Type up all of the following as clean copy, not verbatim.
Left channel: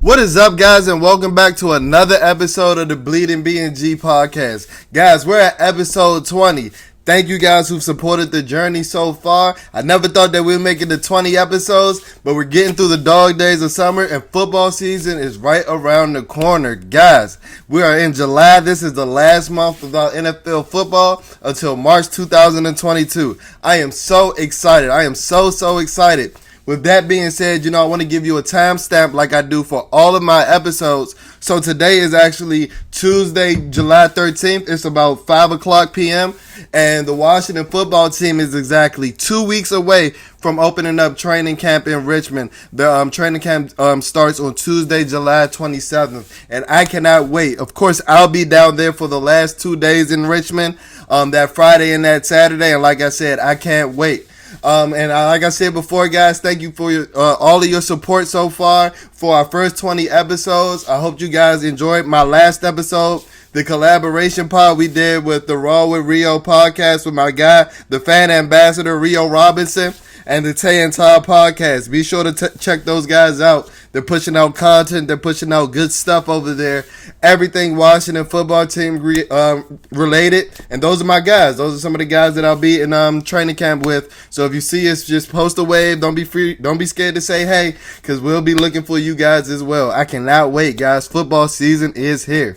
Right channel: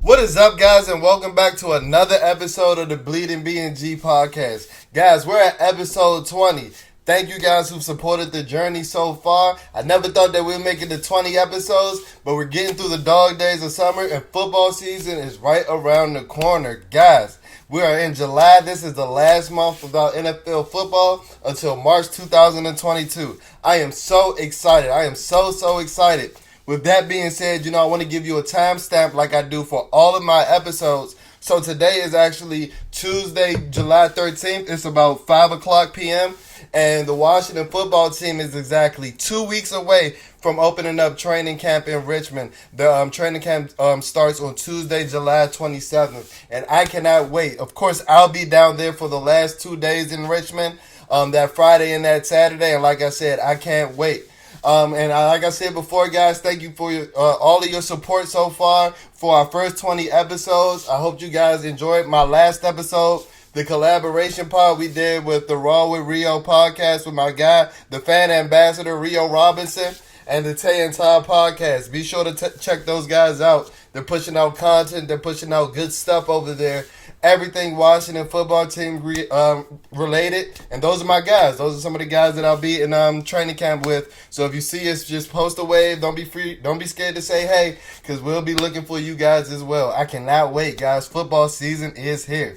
What is up, guys, and welcome back to another episode of the BnG podcast. Guys, we're at episode 20. Thank you guys who've supported the journey so far. I never thought that we'd make it to 20 episodes, but we're getting through the dog days of summer, and football season is right around the corner. Guys, we are in July. This is the last month without NFL football until March 2022. I am so excited. I am so excited. With that being said, I want to give you a timestamp like I do for all of my episodes. So today is actually Tuesday, July 13th. It's about 5 o'clock p.m. And the Washington football team is exactly 2 weeks away from opening up training camp in Richmond. The training camp starts on Tuesday, July 27th. And I cannot wait. Of course, I'll be down there for the last 2 days in Richmond, that Friday and that Saturday. And like I said, I can't wait. Like I said before, guys, thank you for all of your support so far for our first 20 episodes. I hope you guys enjoyed my last episode, the collaboration pod we did with the Raw with Rio podcast with my guy, the fan ambassador, Rio Robinson, and the Tay and Todd podcast. Be sure to check those guys out. They're pushing out content. They're pushing out good stuff over there. Everything Washington football team related. And those are my guys. Those are some of the guys that I'll be in training camp with. So if you see us, just post a wave. Don't be scared to say hey, because we'll be looking for you guys as well. I cannot wait, guys. Football season is here.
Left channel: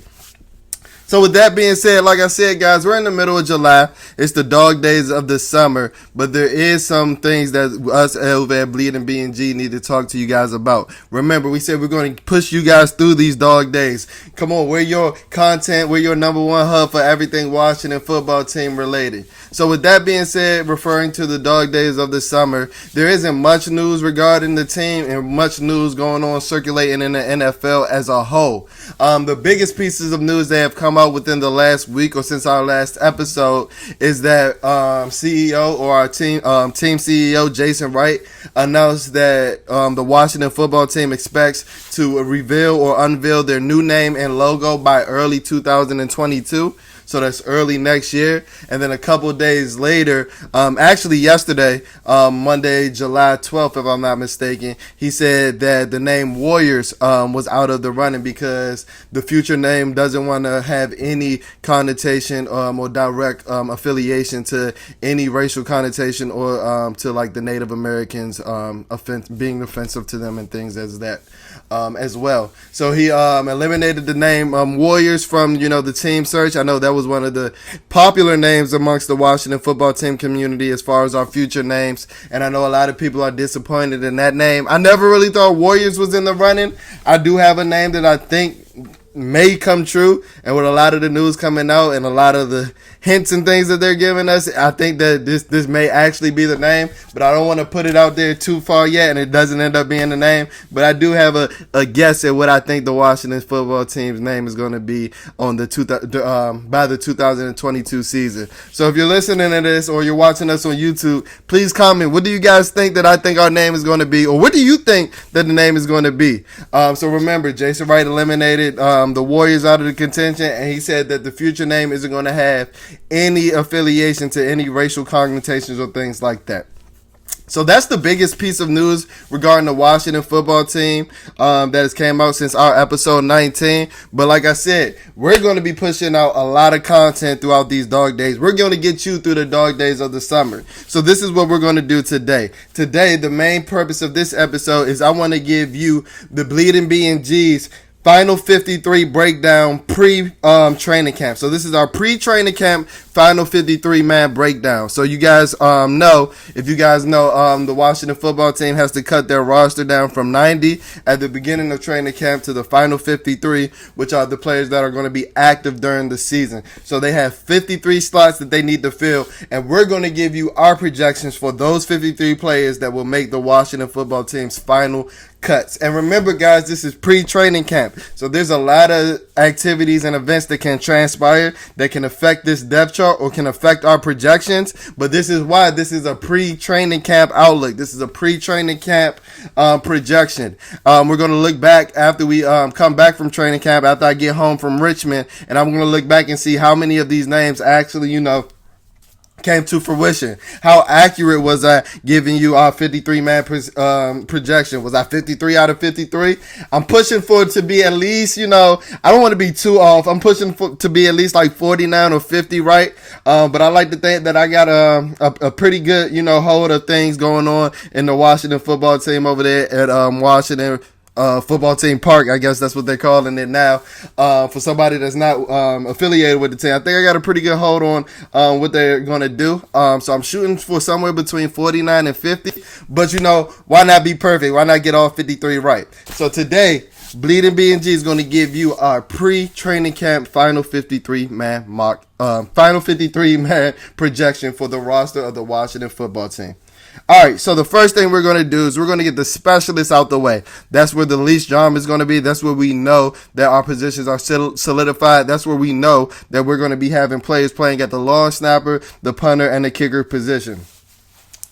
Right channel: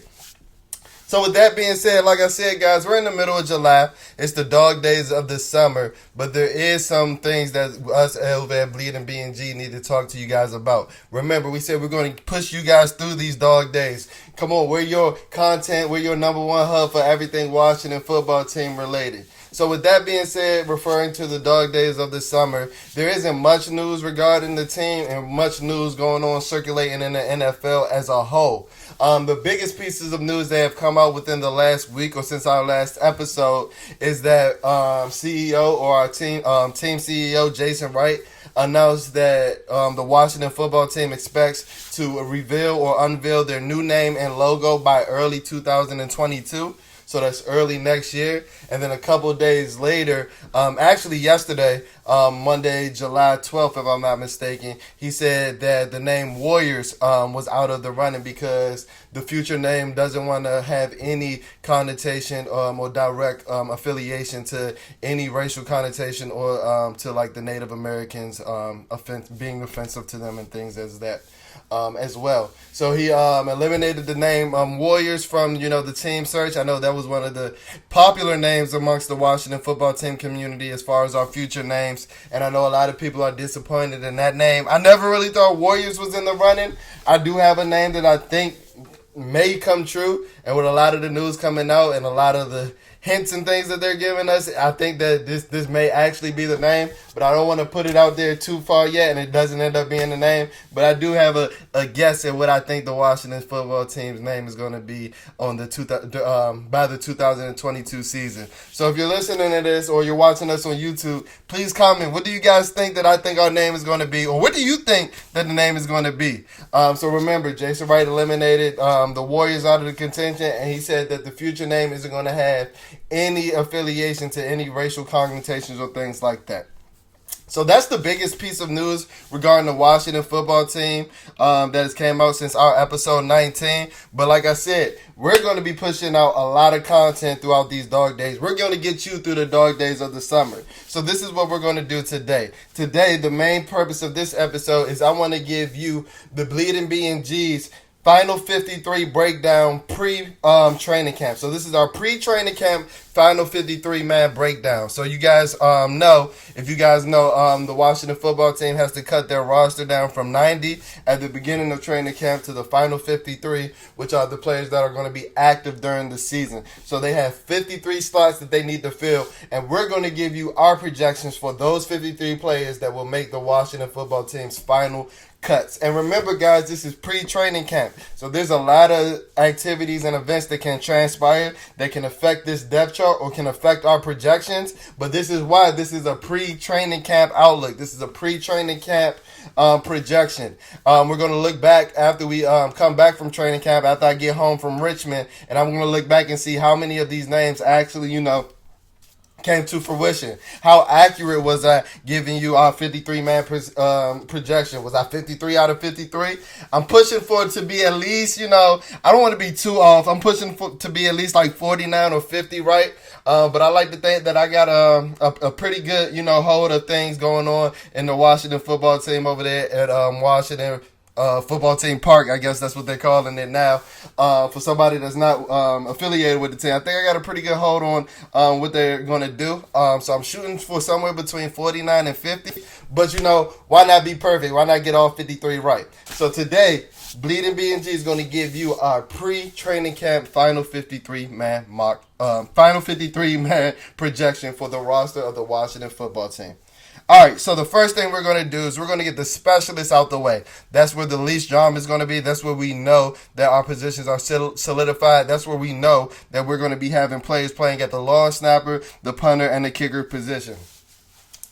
So with that being said, like I said, guys, we're in the middle of July. It's the dog days of the summer, but there is some things that us over at BnG need to talk to you guys about. Remember, we said we're going to push you guys through these dog days. Come on, we're your content, we're your number one hub for everything Washington football team related. So with that being said, referring to the dog days of the summer, there isn't much news regarding the team and much news going on circulating in the NFL as a whole. The biggest pieces of news that have come out within the last week or since our last episode is that CEO or our team CEO Jason Wright announced that the Washington football team expects to reveal or unveil their new name and logo by early 2022. So that's early next year. And then a couple of days later, actually yesterday, Monday, July 12th, if I'm not mistaken, he said that the name Warriors was out of the running because the future name doesn't want to have any connotation or direct affiliation to any racial connotation or to like the Native Americans being offensive to them and things as that. As well. So he eliminated the name Warriors from, the team search. I know that was one of the popular names amongst the Washington football team community as far as our future names. And I know a lot of people are disappointed in that name. I never really thought Warriors was in the running. I do have a name that I think may come true. And with a lot of the news coming out and a lot of the hints and things that they're giving us, I think that this may actually be the name, but I don't want to put it out there too far yet and it doesn't end up being the name. But I do have a guess at what I think the Washington football team's name is going to be on by the 2022 season. So if you're listening to this or you're watching us on YouTube, please comment. What do you guys think that I think our name is going to be, or what do you think that the name is going to be? So remember, Jason Wright eliminated the Warriors out of the contention, and he said that the future name isn't going to have any affiliation to any racial connotations or things like that. So that's the biggest piece of news regarding the Washington football team that has came out since our episode 19. But like I said, we're going to be pushing out a lot of content throughout these dog days. We're going to get you through the dog days of the summer. So this is what we're going to do today. Today, the main purpose of this episode is I want to give you the BnG's Final 53 breakdown pre-training camp. So this is our pre-training camp Final 53 man breakdown. So you guys know, if you guys know, the Washington football team has to cut their roster down from 90 at the beginning of training camp to the Final 53, which are the players that are going to be active during the season. So they have 53 slots that they need to fill, and we're going to give you our projections for those 53 players that will make the Washington football team's final cuts. And remember, guys, this is pre-training camp, so there's a lot of activities and events that can transpire that can affect this depth chart or can affect our projections. But this is why this is a pre-training camp outlook. This is a pre-training camp projection. We're going to look back after we come back from training camp, after I get home from Richmond, and I'm going to look back and see how many of these names actually, came to fruition? How accurate was I giving you our 53-man projection? Was I 53 out of 53? I'm pushing for it to be at least, I don't want to be too off. I'm pushing for to be at least like 49 or 50, right? But I like to think that I got a pretty good, hold of things going on in the Washington football team over there at Washington football team park. I guess that's what they're calling it now. For somebody that's not affiliated with the team, I think I got a pretty good hold on what they're going to do. So I'm shooting for somewhere between 49 and 50. But why not be perfect? Why not get all 53 right? So today, Bleeding BnG is going to give you our pre-training camp final 53-man mock, final 53-man projection for the roster of the Washington football team. All right, so the first thing we're going to do is we're going to get the specialists out the way. That's where the least drama is going to be. That's where we know that our positions are solidified. That's where we know that we're going to be having players playing at the long snapper, the punter, and the kicker position.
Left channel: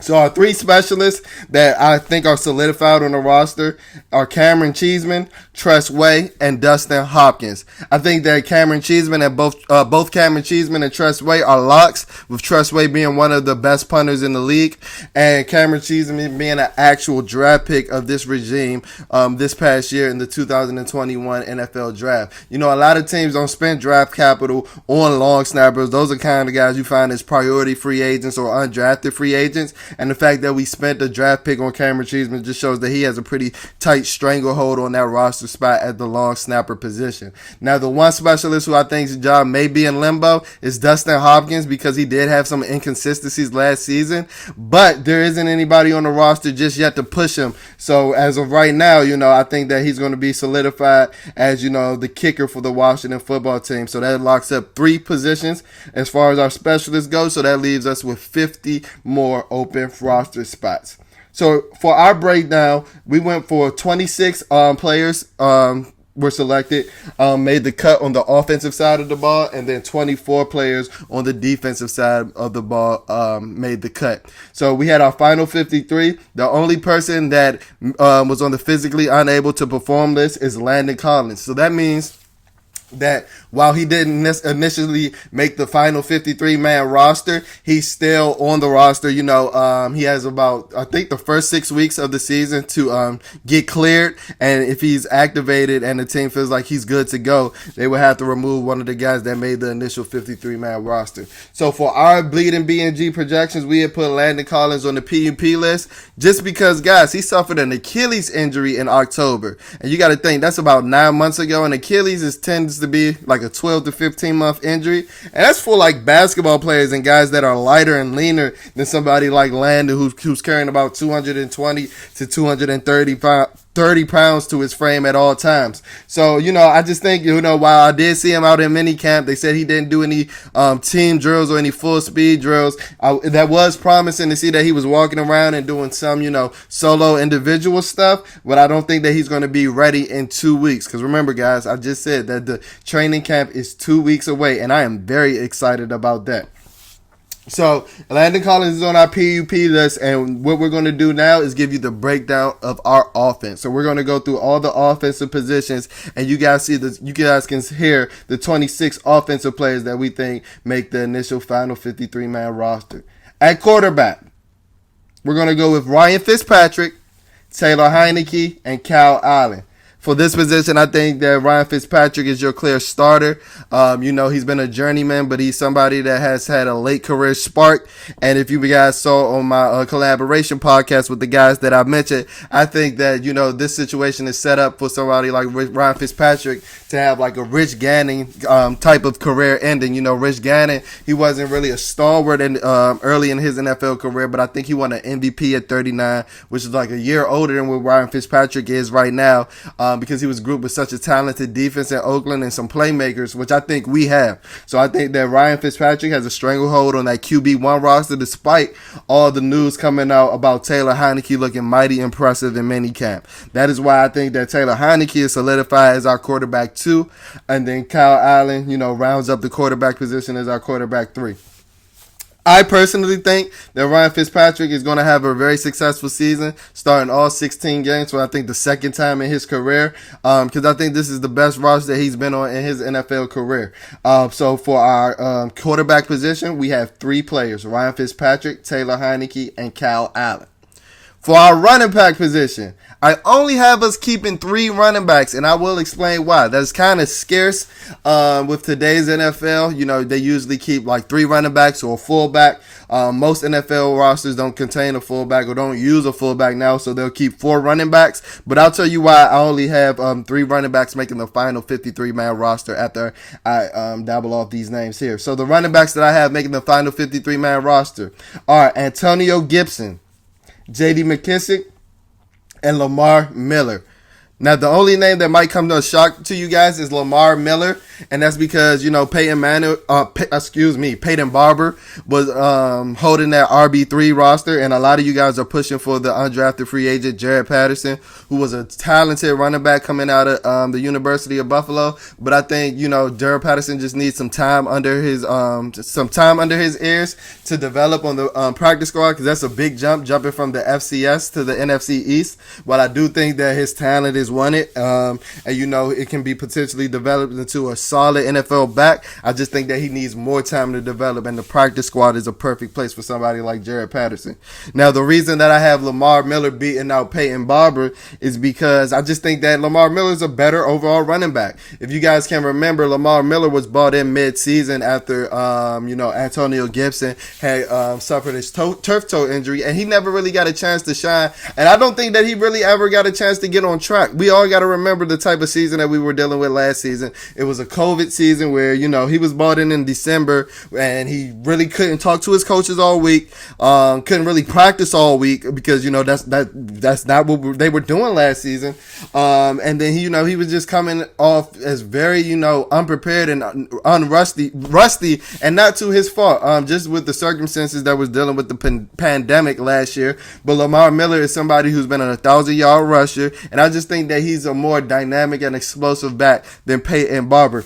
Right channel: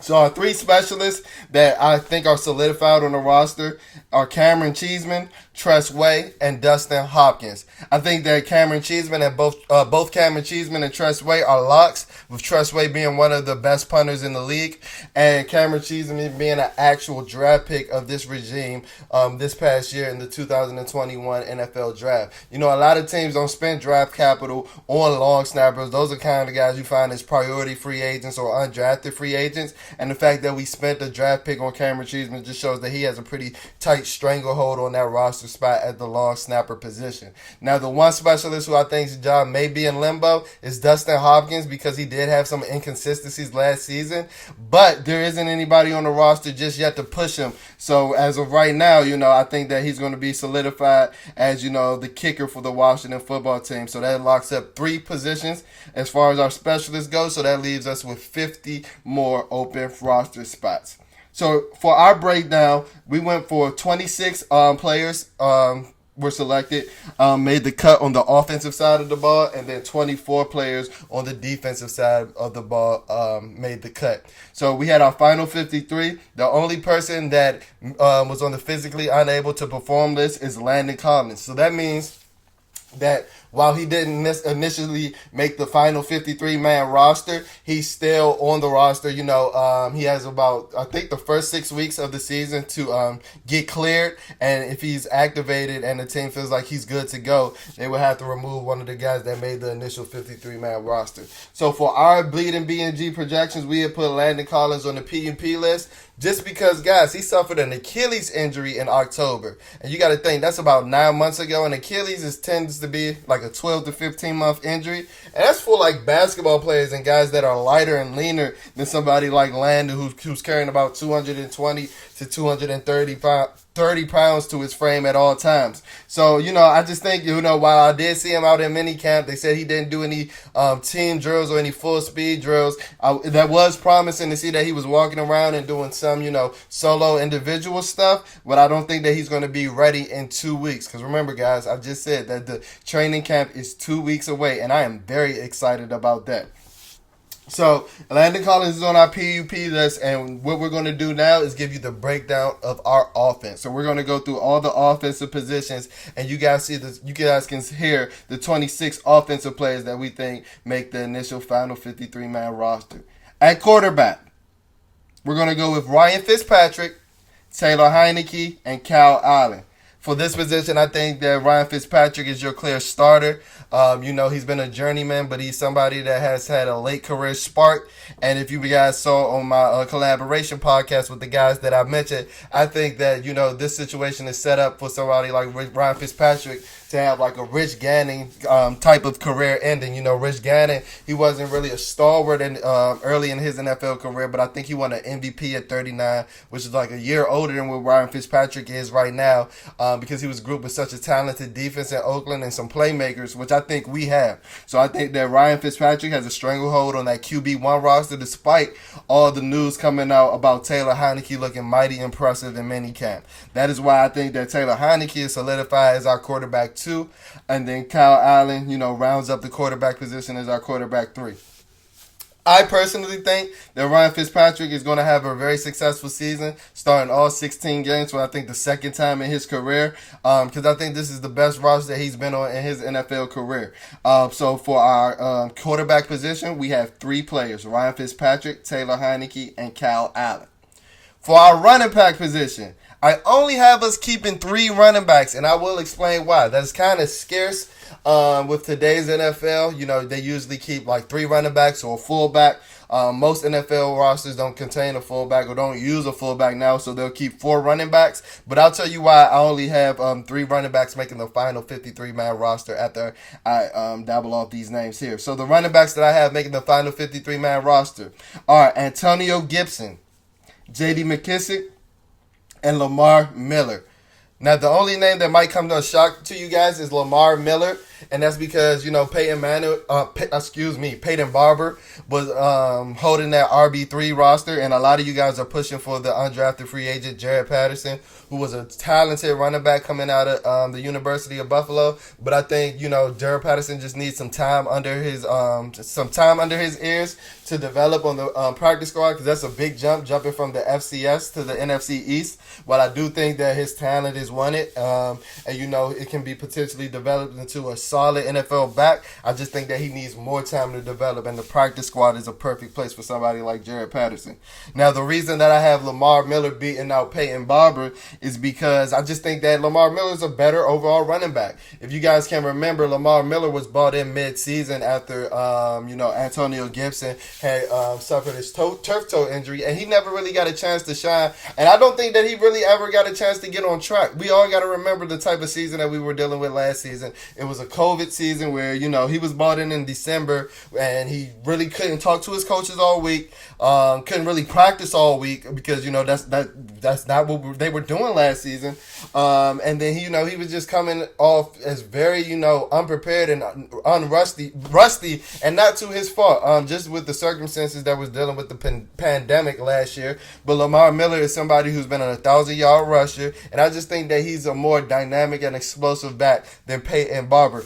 So our three specialists that I think are solidified on the roster are Cameron Cheeseman, Tress Way, and Dustin Hopkins. I think that Cameron Cheeseman and both Cameron Cheeseman and Tress Way are locks, with Tress Way being one of the best punters in the league, and Cameron Cheeseman being an actual draft pick of this regime this past year in the 2021 NFL draft. A lot of teams don't spend draft capital on long snappers. Those are kind of guys you find as priority free agents or undrafted free agents. And the fact that we spent a draft pick on Cameron Cheeseman just shows that he has a pretty tight stranglehold on that roster spot at the long snapper position. Now, the one specialist who I think's job may be in limbo is Dustin Hopkins, because he did have some inconsistencies last season, but there isn't anybody on the roster just yet to push him. So as of right now, I think that he's going to be solidified as, the kicker for the Washington football team. So that locks up 3 positions as far as our specialists go. So that leaves us with 50 more open roster spots. So for our breakdown, we went for 26 players were selected, made the cut on the offensive side of the ball, and then 24 players on the defensive side of the ball made the cut. So we had our final 53. The only person that was on the physically unable to perform list is Landon Collins. So that means that while he didn't initially make the final 53-man roster, he's still on the roster. He has about, I think, the first 6 weeks of the season to get cleared. And if he's activated and the team feels like he's good to go, they would have to remove one of the guys that made the initial 53-man roster. So for our Bleeding BnG projections, we had put Landon Collins on the PUP list just because, guys, he suffered an Achilles injury in October. And you got to think, that's about 9 months ago. And Achilles tends to be like a 12 to 15 month injury, and that's for like basketball players and guys that are lighter and leaner than somebody like Landon, who's carrying about 220 to 230 pounds to his frame at all times. So I just think while I did see him out in minicamp, they said he didn't do any team drills or any full speed drills. That was promising to see that he was walking around and doing some solo individual stuff, but I don't think that he's going to be ready in 2 weeks, because remember, guys, I just said that the training camp is 2 weeks away, and I am very excited about that. So Landon Collins is on our PUP list, and what we're going to do now is give you the breakdown of our offense. So we're going to go through all the offensive positions, and you guys can hear the 26 offensive players that we think make the initial final 53-man roster. At quarterback, we're going to go with Ryan Fitzpatrick, Taylor Heineke, and Cal Allen. For this position, I think that Ryan Fitzpatrick is your clear starter. He's been a journeyman, but he's somebody that has had a late career spark. And if you guys saw on my collaboration podcast with the guys that I mentioned, I think that, this situation is set up for somebody like Ryan Fitzpatrick to have like a Rich Gannon type of career ending. Rich Gannon, he wasn't really a stalwart early in his NFL career, but I think he won an MVP at 39, which is like a year older than what Ryan Fitzpatrick is right now. Because he was grouped with such a talented defense in Oakland and some playmakers, which I think we have. So I think that Ryan Fitzpatrick has a stranglehold on that QB1 roster, despite all the news coming out about Taylor Heineke looking mighty impressive in minicamp. That is why I think that Taylor Heineke is solidified as our quarterback 2, and then Kyle Allen, rounds up the quarterback position as our quarterback 3. I personally think that Ryan Fitzpatrick is going to have a very successful season, starting all 16 games for I think the second time in his career, because I think this is the best roster that he's been on in his NFL career. So for our quarterback position, we have 3 players: Ryan Fitzpatrick, Taylor Heineke, and Kyle Allen. For our running back position, I only have us keeping 3 running backs, and I will explain why. That's kind of scarce with today's NFL. You know, they usually keep like 3 running backs or a fullback. Most NFL rosters don't contain a fullback or don't use a fullback now, so they'll keep 4 running backs. But I'll tell you why I only have 3 running backs making the final 53-man roster after I dabble off these names here. So the running backs that I have making the final 53-man roster are Antonio Gibson, J.D. McKissick, and Lamar Miller. Now, the only name that might come to a shock to you guys is Lamar Miller, and that's because, you know, Peyton Barber was holding that RB3 roster, and a lot of you guys are pushing for the undrafted free agent Jared Patterson, who was a talented running back coming out of the University of Buffalo. But I think, you know, Jared Patterson just needs some time under his ears to develop on the practice squad, because that's a big jump, jumping from the FCS to the NFC East. While I do think that his talent is wanted, and you know, it can be potentially developed into a solid NFL back, I just think that he needs more time to develop, and the practice squad is a perfect place for somebody like Jared Patterson. Now, the reason that I have Lamar Miller beating out Peyton Barber is because I just think that Lamar Miller is a better overall running back. If you guys can remember, Lamar Miller was brought in mid-season after you know, Antonio Gibson had suffered his turf toe injury, and he never really got a chance to shine, and I don't think that he really ever got a chance to get on track. We all got to remember the type of season that we were dealing with last season. It was a COVID season where, you know, he was brought in December, and he really couldn't talk to his coaches all week, couldn't really practice all week, because, you know, that's not what they were doing last season. And then he was just coming off as very, you know, unprepared and rusty, and not to his fault, just with the circumstances that was dealing with the pandemic last year. But Lamar Miller is somebody who's been an 1,000-yard rusher, and I just think that he's a more dynamic and explosive back than Peyton Barber.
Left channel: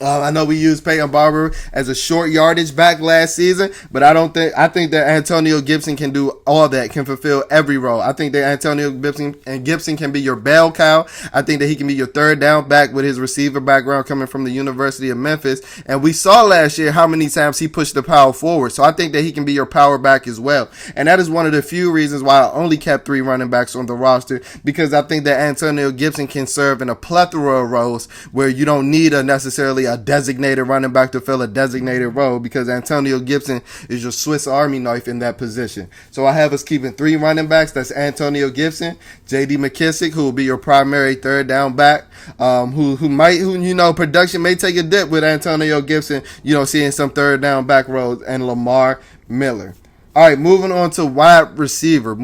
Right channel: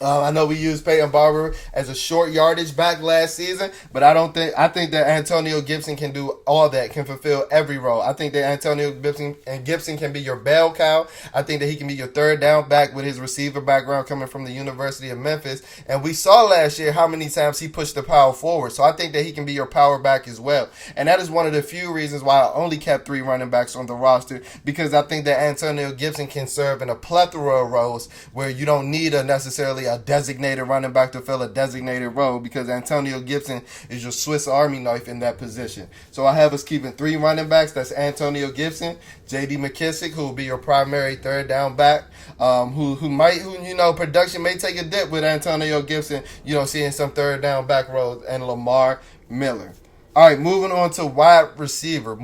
I know we used Peyton Barber as a short yardage back last season, but I think that Antonio Gibson can do all that, can fulfill every role. I think that Antonio Gibson can be your bell cow. I think that he can be your third down back with his receiver background coming from the University of Memphis. And we saw last year how many times he pushed the power forward. So I think that he can be your power back as well. And that is one of the few reasons why I only kept 3 running backs on the roster, because I think that Antonio Gibson can serve in a plethora of roles where you don't need necessarily a designated running back to fill a designated role, because Antonio Gibson is your Swiss Army knife in that position. So I have us keeping 3 running backs. That's Antonio Gibson, J.D. McKissick, who will be your primary third down back, who you know, production may take a dip with Antonio Gibson, you know, seeing some third down back roles, and Lamar Miller. All right, moving on to wide receiver.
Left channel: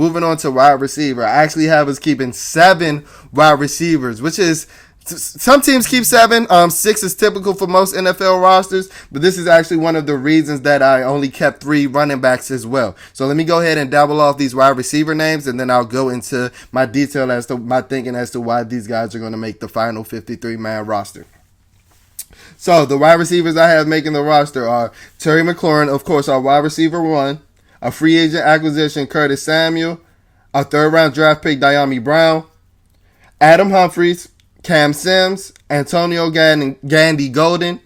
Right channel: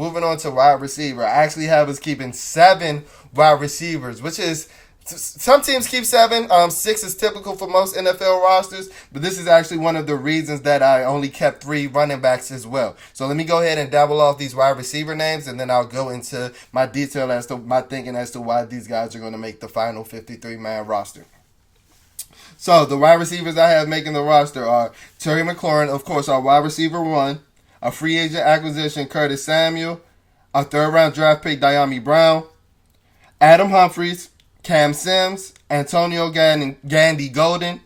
I actually have us keeping 7 wide receivers, which is, some teams keep 7. 6 is typical for most NFL rosters, but this is actually one of the reasons that I only kept 3 running backs as well. So let me go ahead and dabble off these wide receiver names, and then I'll go into my detail as to my thinking as to why these guys are going to make the final 53-man roster. So the wide receivers I have making the roster are Terry McLaurin, of course, our wide receiver 1, a free agent acquisition, Curtis Samuel, a third-round draft pick, Diami Brown, Adam Humphries, Cam Sims, Antonio Gandy Golden,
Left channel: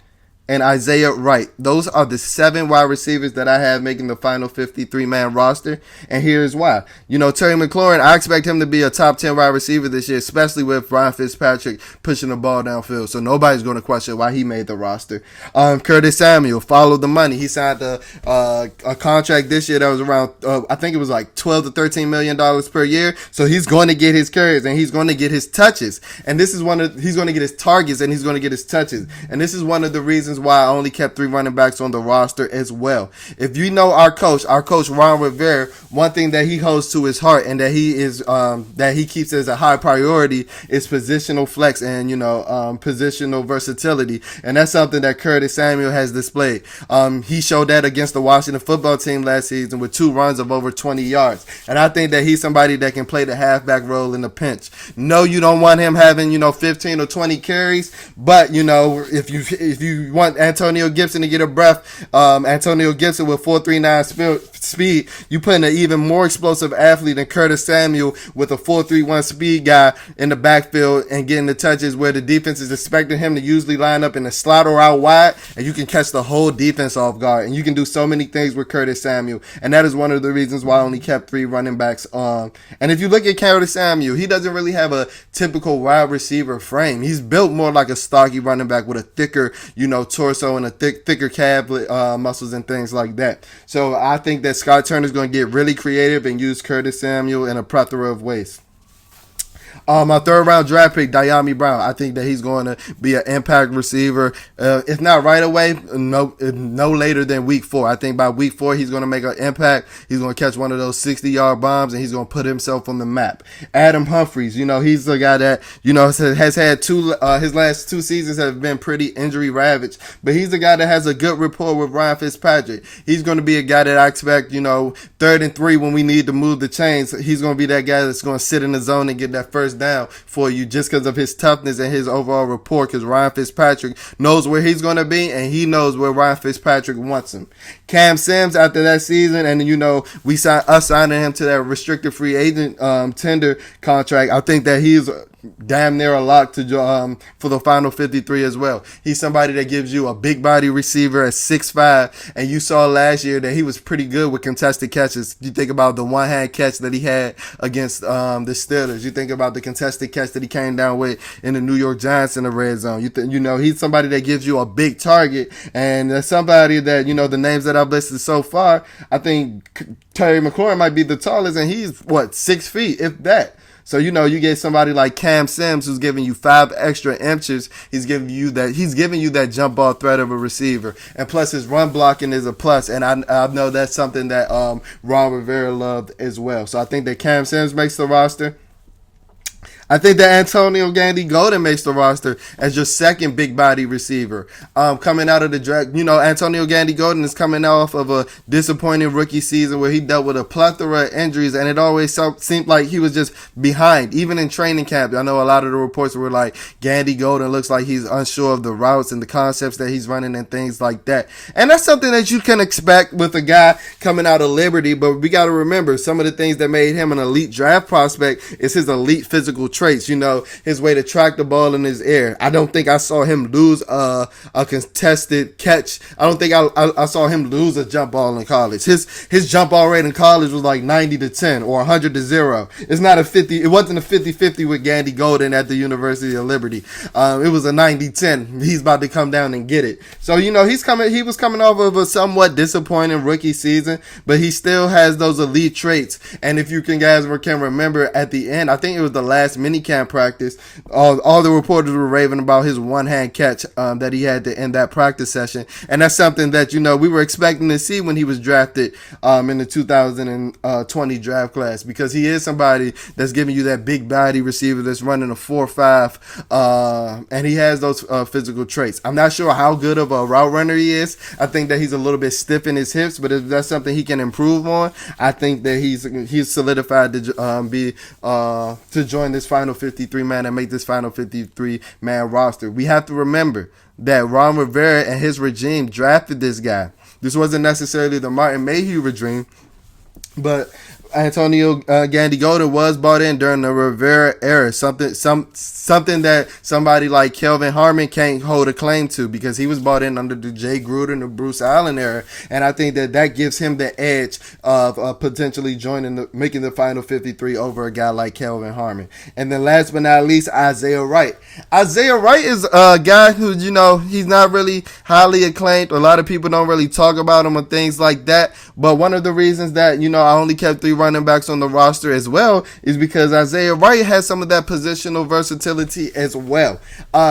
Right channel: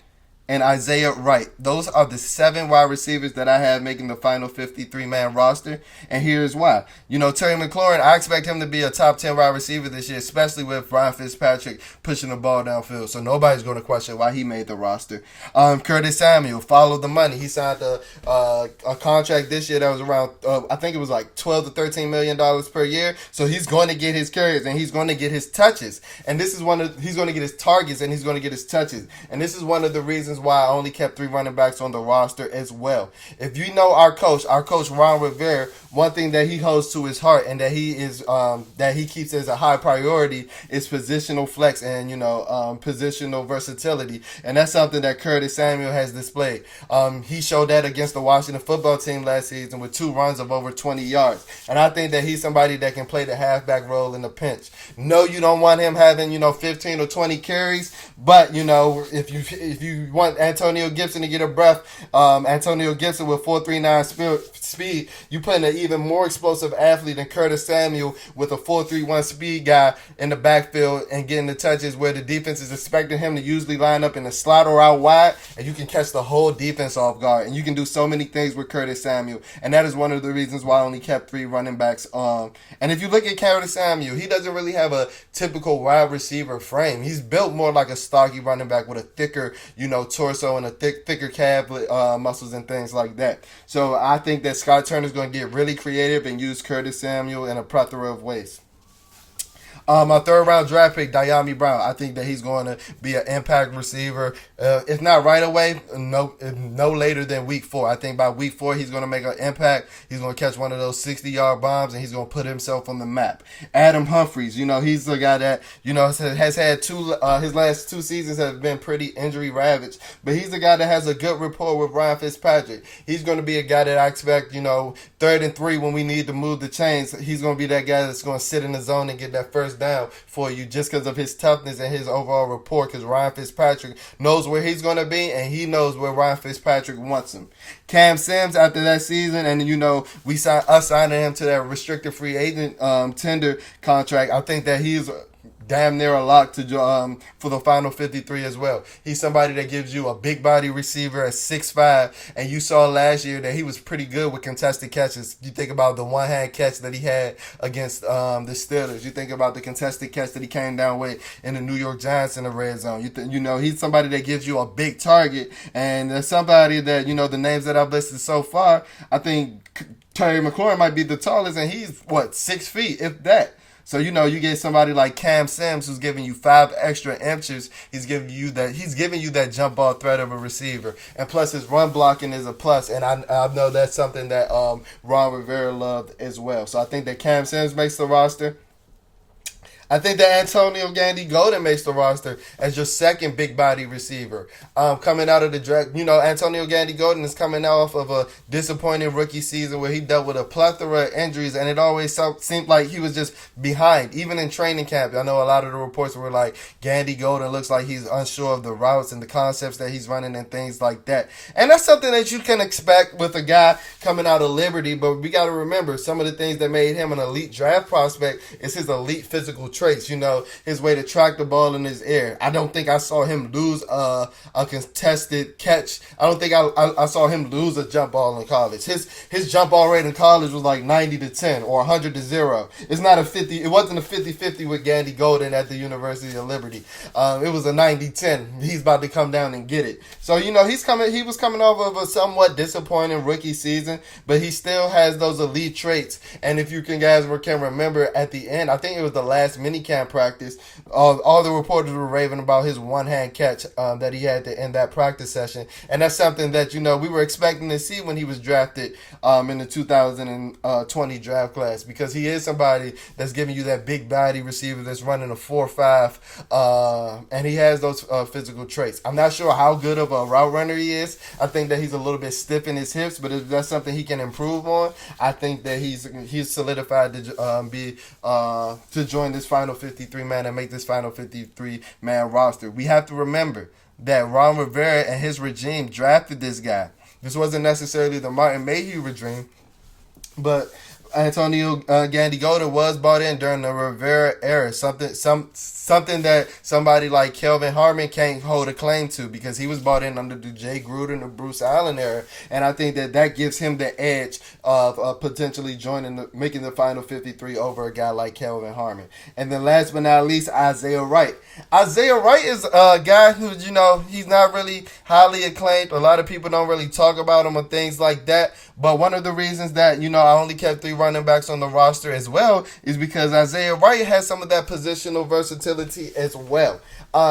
and Isaiah Wright. Those are the 7 wide receivers that I have making the final 53-man roster, and here's why. You know, Terry McLaurin, I expect him to be a top 10 wide receiver this year, especially with Ryan Fitzpatrick pushing the ball downfield, so nobody's going to question why he made the roster. Curtis Samuel, follow the money. He signed a contract this year that was around, I think it was like $12 to $13 million per year, so he's going to get his carries, and he's going to get his touches, and this is he's going to get his targets, and he's going to get his touches, and this is one of the reasons why I only kept 3 running backs on the roster as well. If you know our coach Ron Rivera, one thing that he holds to his heart, and that he keeps as a high priority, is positional flex and, you know, positional versatility, and that's something that Curtis Samuel has displayed. He showed that against the Washington football team last season with 2 runs of over 20 yards, and I think that he's somebody that can play the halfback role in the pinch. No, you don't want him having, you know, 15 or 20 carries, but, you know, if you want want Antonio Gibson to get a breath, Antonio Gibson with 4.39 speed, you put in an even more explosive athlete than Curtis Samuel with a 4.31 speed guy in the backfield and getting the touches where the defense is expecting him to usually line up in the slot or out wide, and you can catch the whole defense off guard. And you can do so many things with Curtis Samuel, and that is one of the reasons why I only kept 3 running backs on. And if you look at Curtis Samuel, he doesn't really have a typical wide receiver frame. He's built more like a stocky running back with a thicker, torso and a thicker calf muscles and things like that. So I think that Scott Turner's going to get really creative and use Curtis Samuel in a plethora of ways. My 3rd round draft pick, Dyami Brown. I think that he's going to be an impact receiver. If not right away, no later than week 4. I think by week 4, he's going to make an impact. He's going to catch one of those 60-yard bombs, and he's going to put himself on the map. Adam Humphries, he's the guy that, has had his last 2 seasons have been pretty injury ravaged, but he's the guy that has a good rapport with Ryan Fitzpatrick. He's going to be a guy that I expect, 3rd and 3 when we need to move the chains. He's going to be that guy that's going to sit in the zone and get that first down for you just because of his toughness and his overall rapport, because Ryan Fitzpatrick knows where he's going to be and he knows where Ryan Fitzpatrick wants him. Cam Sims, after that season, and we signing him to that restricted free agent tender contract, I think that he's damn near a lock to for the final 53 as well. He's somebody that gives you a big body receiver at 6'5", and you saw last year that he was pretty good with contested catches. You think about the one-hand catch that he had against the Steelers. You think about the contested catch that he came down with in the New York Giants in the red zone. He's somebody that gives you a big target, and there's somebody that, the names that I've listed so far, I think Terry McLaurin might be the tallest, and he's 6 feet, if that. So, you get somebody like Cam Sims who's giving you 5 extra inches. He's giving you that jump ball threat of a receiver. And plus his run blocking is a plus. And I know that's something that Ron Rivera loved as well. So I think that Cam Sims makes the roster. I think that Antonio Gandy Golden makes the roster as your second big body receiver. Coming out of the draft, Antonio Gandy Golden is coming off of a disappointing rookie season where he dealt with a plethora of injuries, and it always seemed like he was just behind, even in training camp. I know a lot of the reports were like, Gandy Golden looks like he's unsure of the routes and the concepts that he's running and things like that. And that's something that you can expect with a guy coming out of Liberty, but we got to remember some of the things that made him an elite draft prospect is his elite physical traits, his way to track the ball in his air. I don't think I saw him lose a contested catch. I don't think I saw him lose a jump ball in college. His jump ball rate in college was like 90-10 or 100-0. It's not a 50. It wasn't a 50-50 with Gandy Golden at the University of Liberty. It was a 90-10. He's about to come down and get it. So, he was coming off of a somewhat disappointing rookie season, but he still has those elite traits. And if you guys can remember at the end, I think it was the last minicamp practice, all the reporters were raving about his one-hand catch that he had to end that practice session. And that's something that, we were expecting to see when he was drafted in the 2020 draft class, because he is somebody that's giving you that big body receiver that's running a 4.5, and he has those physical traits. I'm not sure how good of a route runner he is. I think that he's a little bit stiff in his hips, but if that's something he can improve on, I think that he's solidified to join this final 53-man and make this final 53-man roster. We have to remember that Ron Rivera and his regime drafted this guy. This wasn't necessarily the Martin Mayhew regime, but Antonio Gandy Golden was bought in during the Rivera era. Something that somebody like Kelvin Harmon can't hold a claim to, because he was bought in under the Jay Gruden and the Bruce Allen era, and I think that gives him the edge of potentially making the final 53 over a guy like Kelvin Harmon. And then last but not least, Isaiah Wright. Isaiah Wright is a guy who, he's not really highly acclaimed. A lot of people don't really talk about him and things like that, but one of the reasons that, I only kept 3 running backs on the roster as well is because Isaiah Wright has some of that positional versatility as well.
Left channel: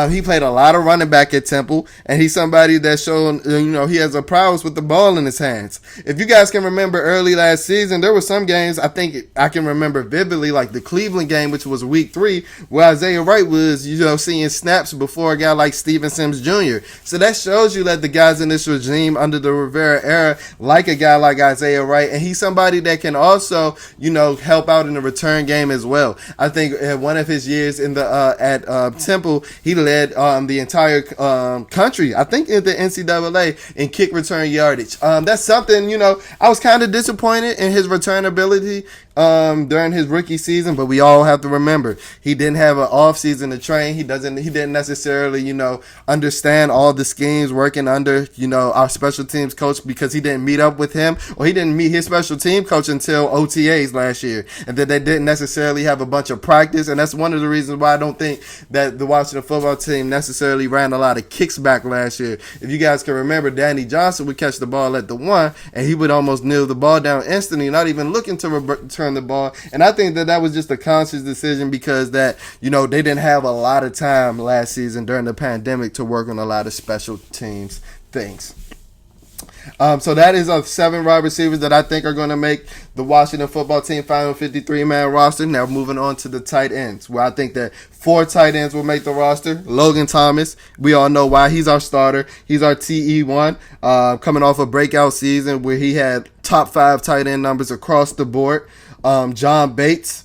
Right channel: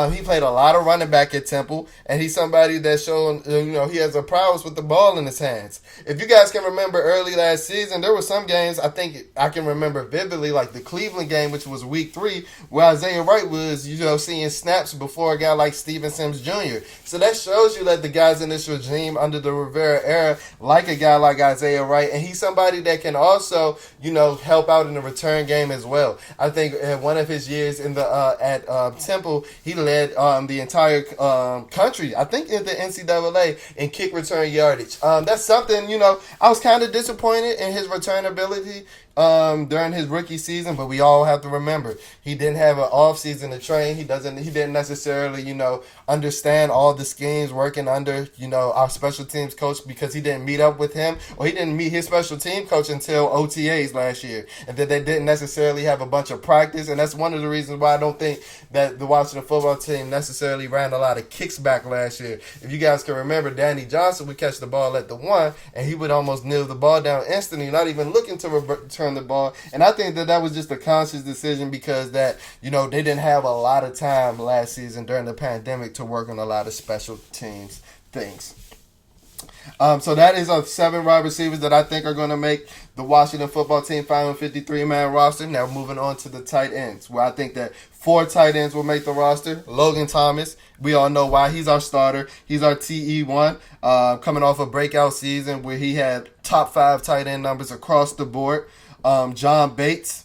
He played a lot of running back at Temple, and he's somebody that's shown, he has a prowess with the ball in his hands. If you guys can remember early last season, there were some games I think I can remember vividly, like the Cleveland game, which was week 3, where Isaiah Wright was, seeing snaps before a guy like Steven Sims Jr. So that shows you that the guys in this regime under the Rivera era like a guy like Isaiah Wright, and he's somebody that can also also, help out in the return game as well. I think in one of his years in the at Temple, he led the entire country, I think, in the NCAA in kick return yardage. That's something, I was kind of disappointed in his return ability during his rookie season, but we all have to remember he didn't have an off season to train. He didn't necessarily, understand all the schemes working under, our special teams coach, because he didn't meet up with him, or he didn't meet his special team coach until OTAs last year, and that they didn't necessarily have a bunch of practice. And that's one of the reasons why I don't think that the Washington football team necessarily ran a lot of kicks back last year. If you guys can remember, Danny Johnson would catch the ball at the 1, and he would almost kneel the ball down instantly, not even looking to return the ball. And I think that was just a conscious decision, because that, they didn't have a lot of time last season during the pandemic to work on a lot of special teams things. So that is 7 wide receivers that I think are going to make the Washington football team final 53-man roster. Now moving on to the tight ends, where I think that 4 tight ends will make the roster. Logan Thomas, we all know why. He's our starter. He's our TE1, coming off a breakout season where he had top 5 tight end numbers across the board. John Bates.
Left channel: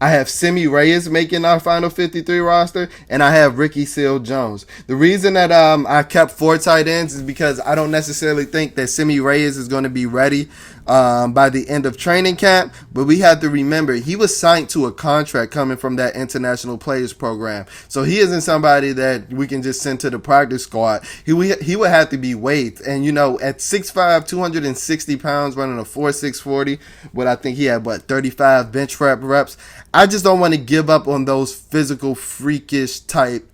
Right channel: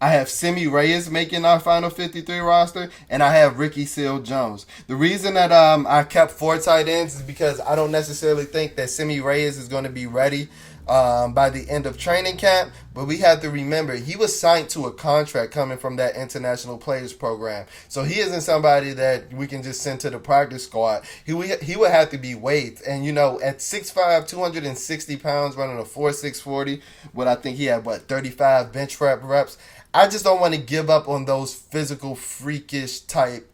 I have Semi Reyes making our final 53 roster, and I have Ricky Seals-Jones. The reason that I kept 4 tight ends is because I don't necessarily think that Semi Reyes is going to be ready by the end of training camp, but we have to remember he was signed to a contract coming from that international players program, so he isn't somebody that we can just send to the practice squad. He would have to be waived, and at 6'5", 260 pounds, running a 4.6 40, but I think he had 35 bench reps. I just don't want to give up on those physical, freakish type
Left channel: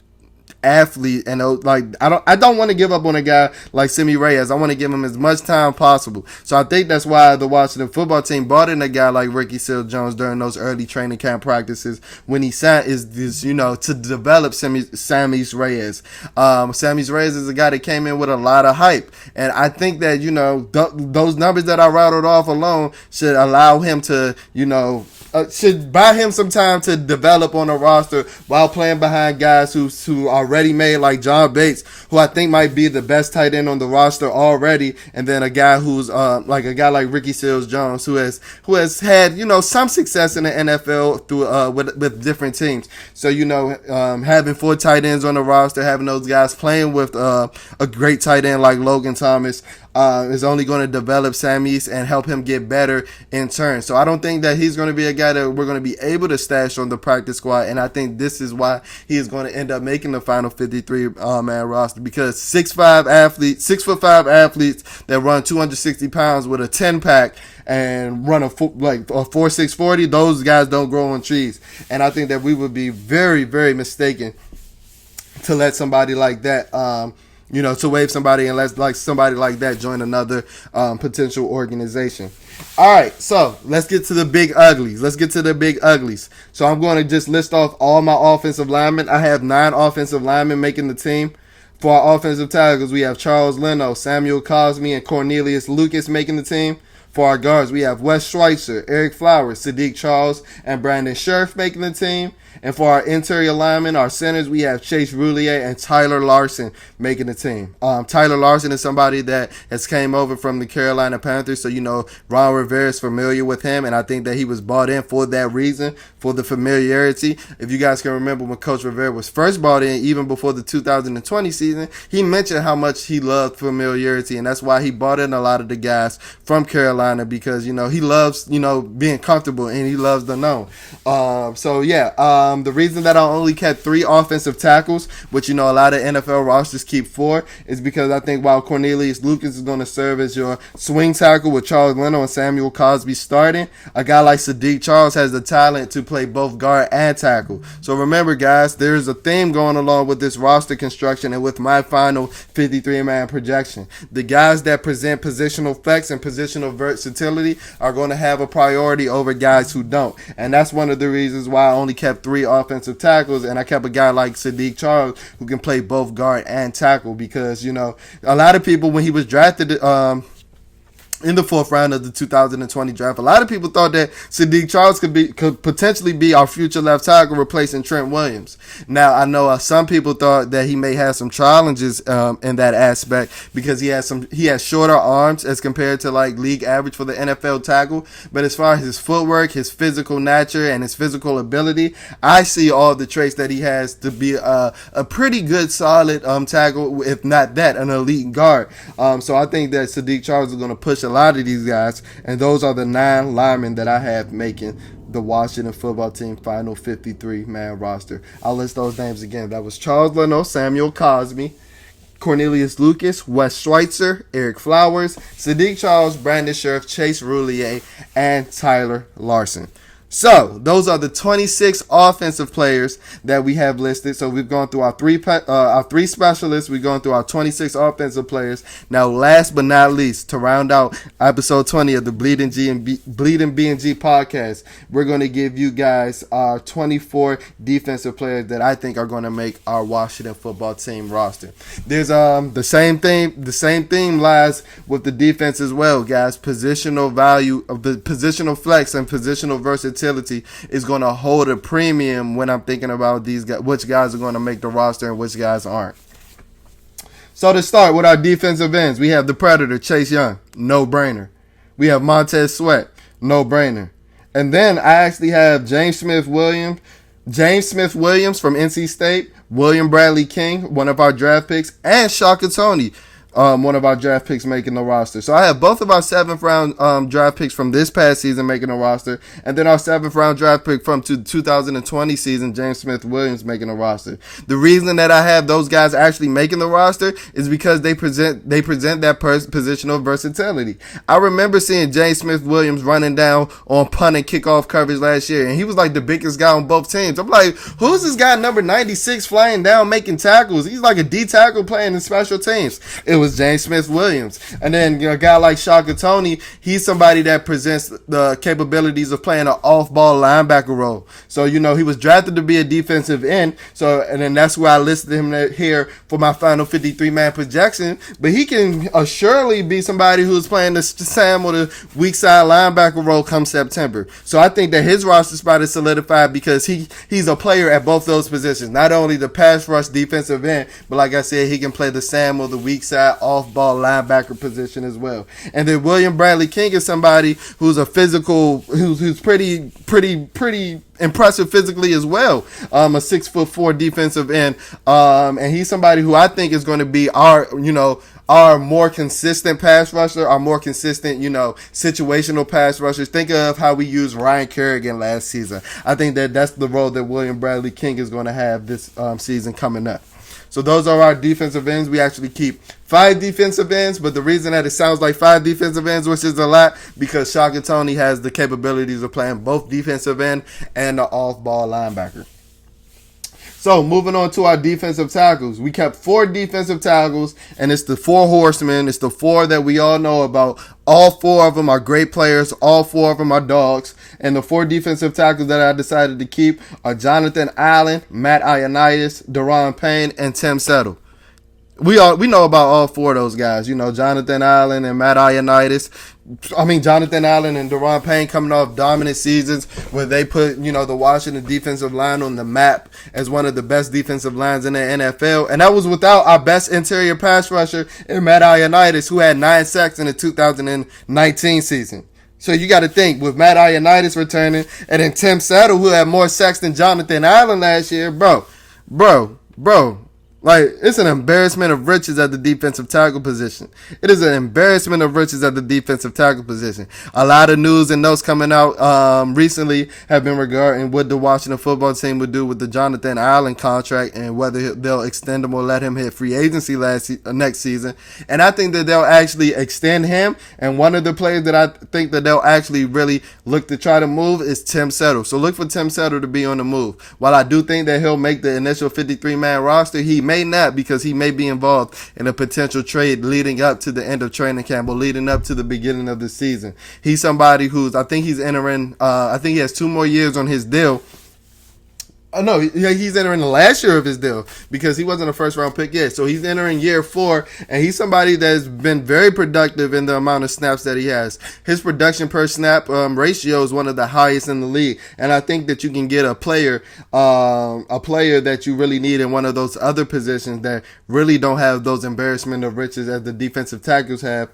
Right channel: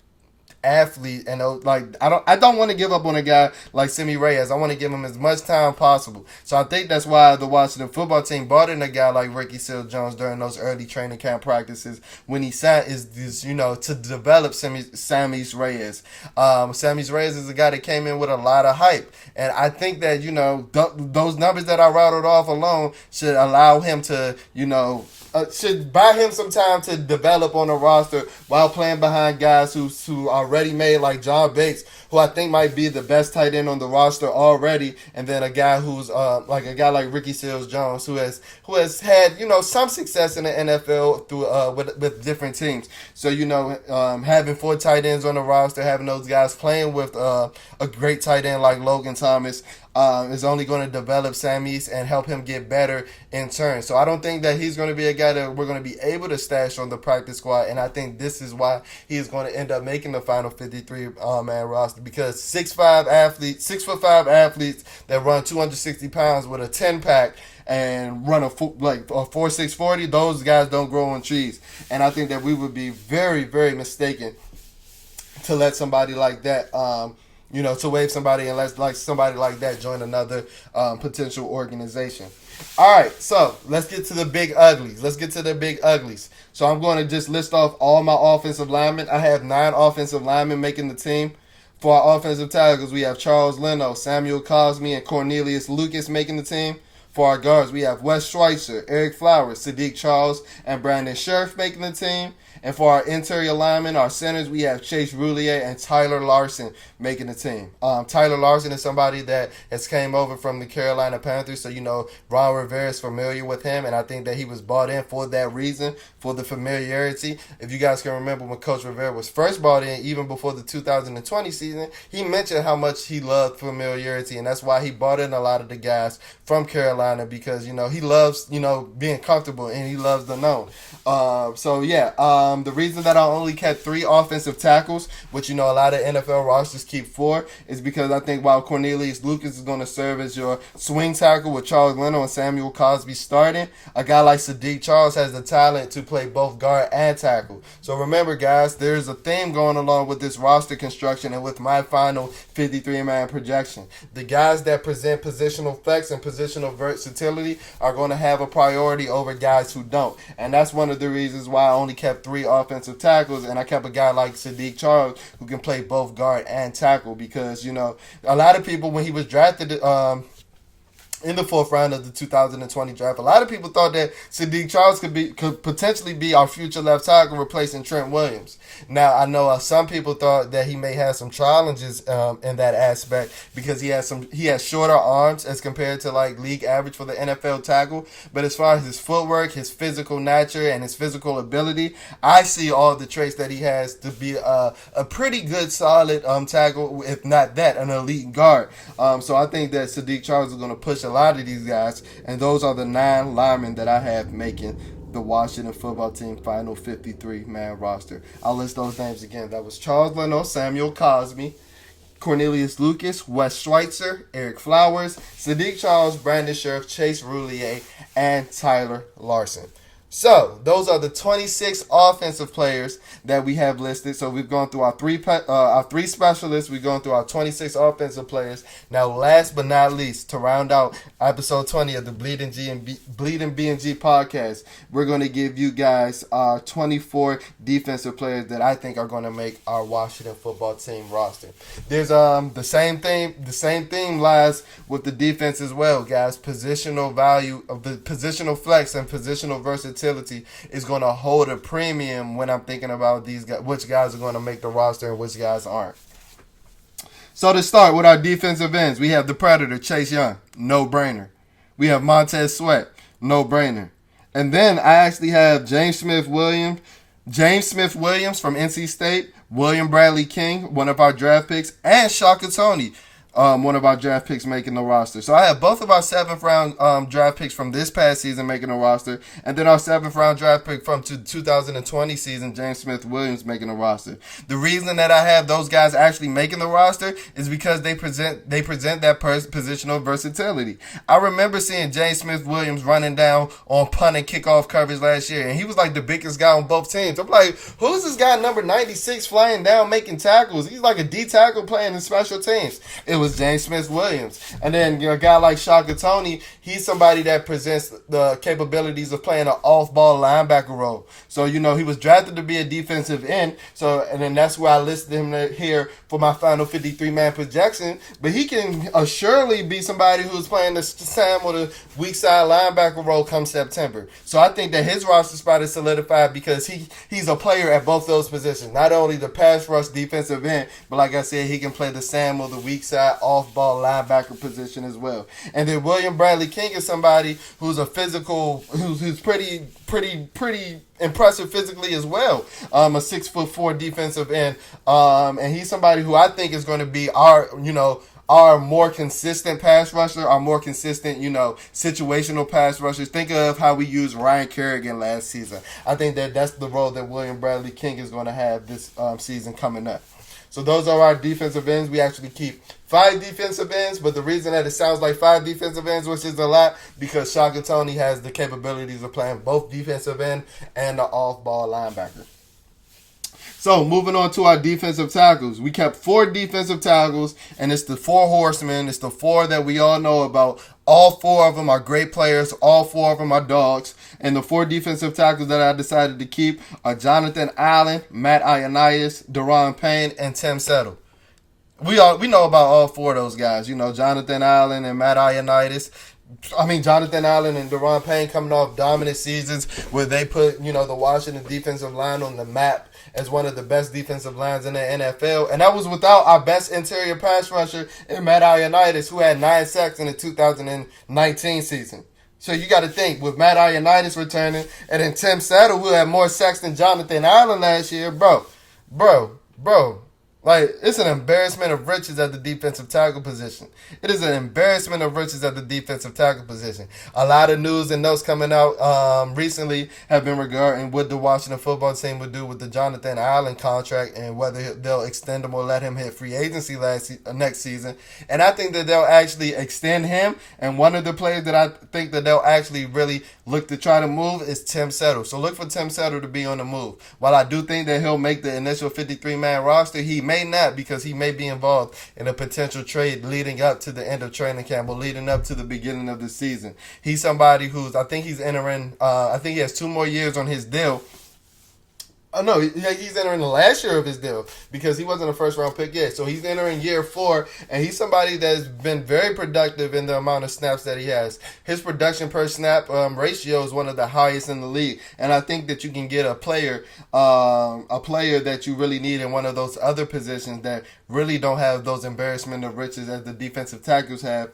athlete, and I don't want to give up on a guy like Semi Reyes. I want to give him as much time possible. So I think that's why the Washington football team brought in a guy like Ricky Seals-Jones during those early training camp practices when he sat is to develop Semi Reyes. Semi Reyes is a guy that came in with a lot of hype, and I think that those numbers that I rattled off alone should allow him to should buy him some time to develop on a roster while playing behind guys who are already made, like John Bates, who I think might be the best tight end on the roster already, and then a guy who's like Ricky Seals-Jones, who has had some success in the NFL through with different teams. So having 4 tight ends on the roster, having those guys playing with a great tight end like Logan Thomas is only going to develop Sammy's and help him get better in turn. So I don't think that he's going to be a guy that we're going to be able to stash on the practice squad, and I think this is why he is going to end up making the final 53-man roster, because 6'5" athletes that run 260 pounds with a 10-pack and run a 4.6 40, those guys don't grow on trees. And I think that we would be very, very mistaken to let somebody like that to waive somebody and let somebody like that join another potential organization. All right, so let's get to the big uglies. So I'm going to just list off all my offensive linemen. I have 9 offensive linemen making the team. For our offensive tackles, we have Charles Leno, Samuel Cosme, and Cornelius Lucas making the team. For our guards, we have Wes Schweitzer, Eric Flowers, Sadiq Charles, and Brandon Scherf making the team. And for our interior linemen, our centers, we have Chase Roulier and Tyler Larson making the team. Tyler Larson is somebody that has came over from the Carolina Panthers, so Ron Rivera is familiar with him, and I think that he was brought in for that reason, for the familiarity. If you guys can remember when Coach Rivera was first brought in, even before the 2020 season, he mentioned how much he loved familiarity, and that's why he brought in a lot of the guys from Carolina, because he loves being comfortable, and he loves the known. The reason that I only kept 3 offensive tackles, which a lot of NFL rosters keep 4, is because I think while Cornelius Lucas is going to serve as your swing tackle with Charles Leno and Samuel Cosme starting, a guy like Sadiq Charles has the talent to play both guard and tackle. So remember, guys, there's a theme going along with this roster construction and with my final 53-man projection. The guys that present positional flex and positional versatility are going to have a priority over guys who don't, and that's one of the reasons why I only kept 3 offensive tackles, and I kept a guy like Sadiq Charles who can play both guard and tackle, because a lot of people, when he was drafted in the fourth round of the 2020 draft. A lot of people thought that Saahdiq Charles could potentially be our future left tackle replacing Trent Williams. Now, I know some people thought that he may have some challenges in that aspect because he has shorter arms as compared to like league average for the NFL tackle. But as far as his footwork, his physical nature, and his physical ability, I see all the traits that he has to be a pretty good, solid tackle, if not that, an elite guard. So I think that Saahdiq Charles is going to push a lot of these guys, and those are the 9 linemen that I have making the Washington football team final 53-man roster. I'll list those names again. That was Charles Leno, Samuel Cosmi, Cornelius Lucas, Wes Schweitzer, Eric Flowers, Saahdiq Charles, Brandon Scherf, Chase Roulier, and Tyler Larson. So, those are the 26 offensive players that we have listed. So, we've gone through our three specialists. We've gone through our 26 offensive players. Now, last but not least, to round out episode 20 of the Bleeding BnG podcast, we're going to give you guys our 24 defensive players that I think are going to make our Washington football team roster. There's the same theme lies with the defense as well, guys. Positional value of the positional flex and positional versatility is going to hold a premium when I'm thinking about these guys, which guys are going to make the roster and which guys aren't. So to start with our defensive ends, we have the Predator, Chase Young, no-brainer. We have Montez Sweat, no-brainer. And then I actually have James Smith Williams from NC State, William Bradley King, one of our draft picks, and Shaka Toney, one of our draft picks making the roster. So I have both of our 7th round draft picks from this past season making the roster, and then our 7th round draft pick from 2020 season, James Smith Williams, making the roster. The reason that I have those guys actually making the roster is because they present that positional versatility. I remember seeing James Smith Williams running down on punt and kickoff coverage last year, and he was like the biggest guy on both teams. I'm like, who's this guy number 96 flying down making tackles? He's like a D tackle playing in special teams. It was James Smith Williams. And then a guy like Shaka Toney, he's somebody that presents the capabilities of playing an off-ball linebacker role. So, he was drafted to be a defensive end. So, and then that's why I listed him here for my final 53-man projection. But he can assuredly be somebody who's playing the Sam or the weak side linebacker role come September. So I think that his roster spot is solidified because he's a player at both those positions. Not only the pass rush defensive end, but like I said, he can play the Sam or the weak side off-ball linebacker position as well. And then William Bradley King is somebody who's a physical, who's pretty impressive physically as well. A 6'4" defensive end, and he's somebody who I think is going to be our more consistent pass rusher, our more consistent, situational pass rushers. Think of how we used Ryan Kerrigan last season. I think that's the role that William Bradley King is going to have this season coming up. So those are our defensive ends. We actually keep 5 defensive ends, but the reason that it sounds like 5 defensive ends, which is a lot, because Shaka Toney has the capabilities of playing both defensive end and the off-ball linebacker. So, moving on to our defensive tackles. We kept 4 defensive tackles, and it's the 4 horsemen. It's the 4 that we all know about. All 4 of them are great players. All 4 of them are dogs. And the 4 defensive tackles that I decided to keep are Jonathan Allen, Matt Ioannidis, Daron Payne, and Tim Settle. We know about all 4 of those guys. Jonathan Allen and Matt Ioannidis. Jonathan Allen and Daron Payne coming off dominant seasons where they put, the Washington defensive line on the map as one of the best defensive lines in the NFL. And that was without our best interior pass rusher in Matt Ioannidis, who had 9 sacks in the 2019 season. So you got to think, with Matt Ioannidis returning and then Tim Settle, who had more sacks than Jonathan Allen last year, bro. Like, it's an embarrassment of riches at the defensive tackle position. It is an embarrassment of riches at the defensive tackle position. A lot of news and notes coming out recently have been regarding what the Washington football team would do with the Jonathan Allen contract and whether they'll extend him or let him hit free agency next season. And I think that they'll actually extend him. And one of the players that I think that they'll actually really look to try to move is Tim Settle. So look for Tim Settle to be on the move. While I do think that he'll make the initial 53-man roster, he may not, because he may be involved in a potential trade leading up to the end of training camp or leading up to the beginning of the season. He's somebody who's, I think he has 2 more years on his deal. Oh no, he's entering the last year of his deal because he wasn't a first round pick yet. So he's entering year 4, and he's somebody that's been very productive in the amount of snaps that he has. His production per snap ratio is one of the highest in the league, and I think that you can get a player that you really need in one of those other positions that really don't have those embarrassment of riches as the defensive tackles have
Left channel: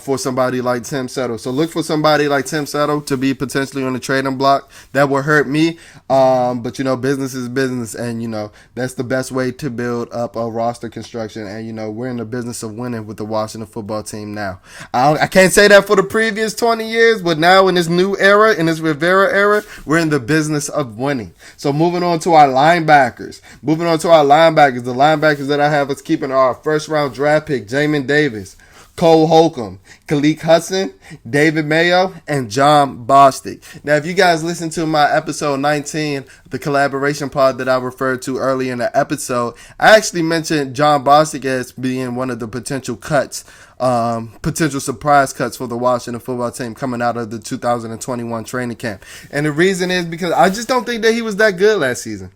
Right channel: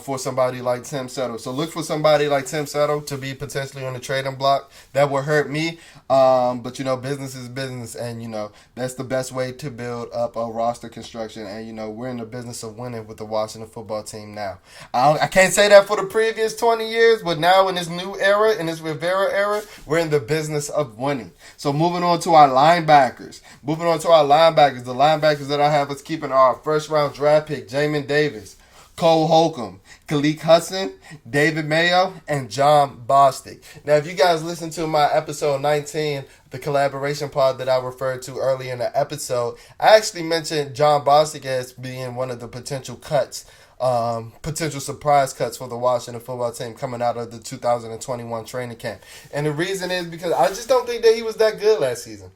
for somebody like Tim Settle. So look for somebody like Tim Settle to be potentially on the trading block. That will hurt me, but business is business, and that's the best way to build up a roster construction. And we're in the business of winning with the Washington football team now. I can't say that for the previous 20 years, but now in this new era, in this Rivera era, we're in the business of winning. So moving on to our linebackers. The linebackers that I have us keeping are our first round draft pick, Jamin Davis, Cole Holcomb, Khaleke Hudson, David Mayo, and John Bostic. Now, if you guys listen to my episode 19, the collaboration pod that I referred to early in the episode, I actually mentioned John Bostic as being one of the potential surprise cuts for the Washington football team coming out of the 2021 training camp. And the reason is because I just don't think that he was that good last season.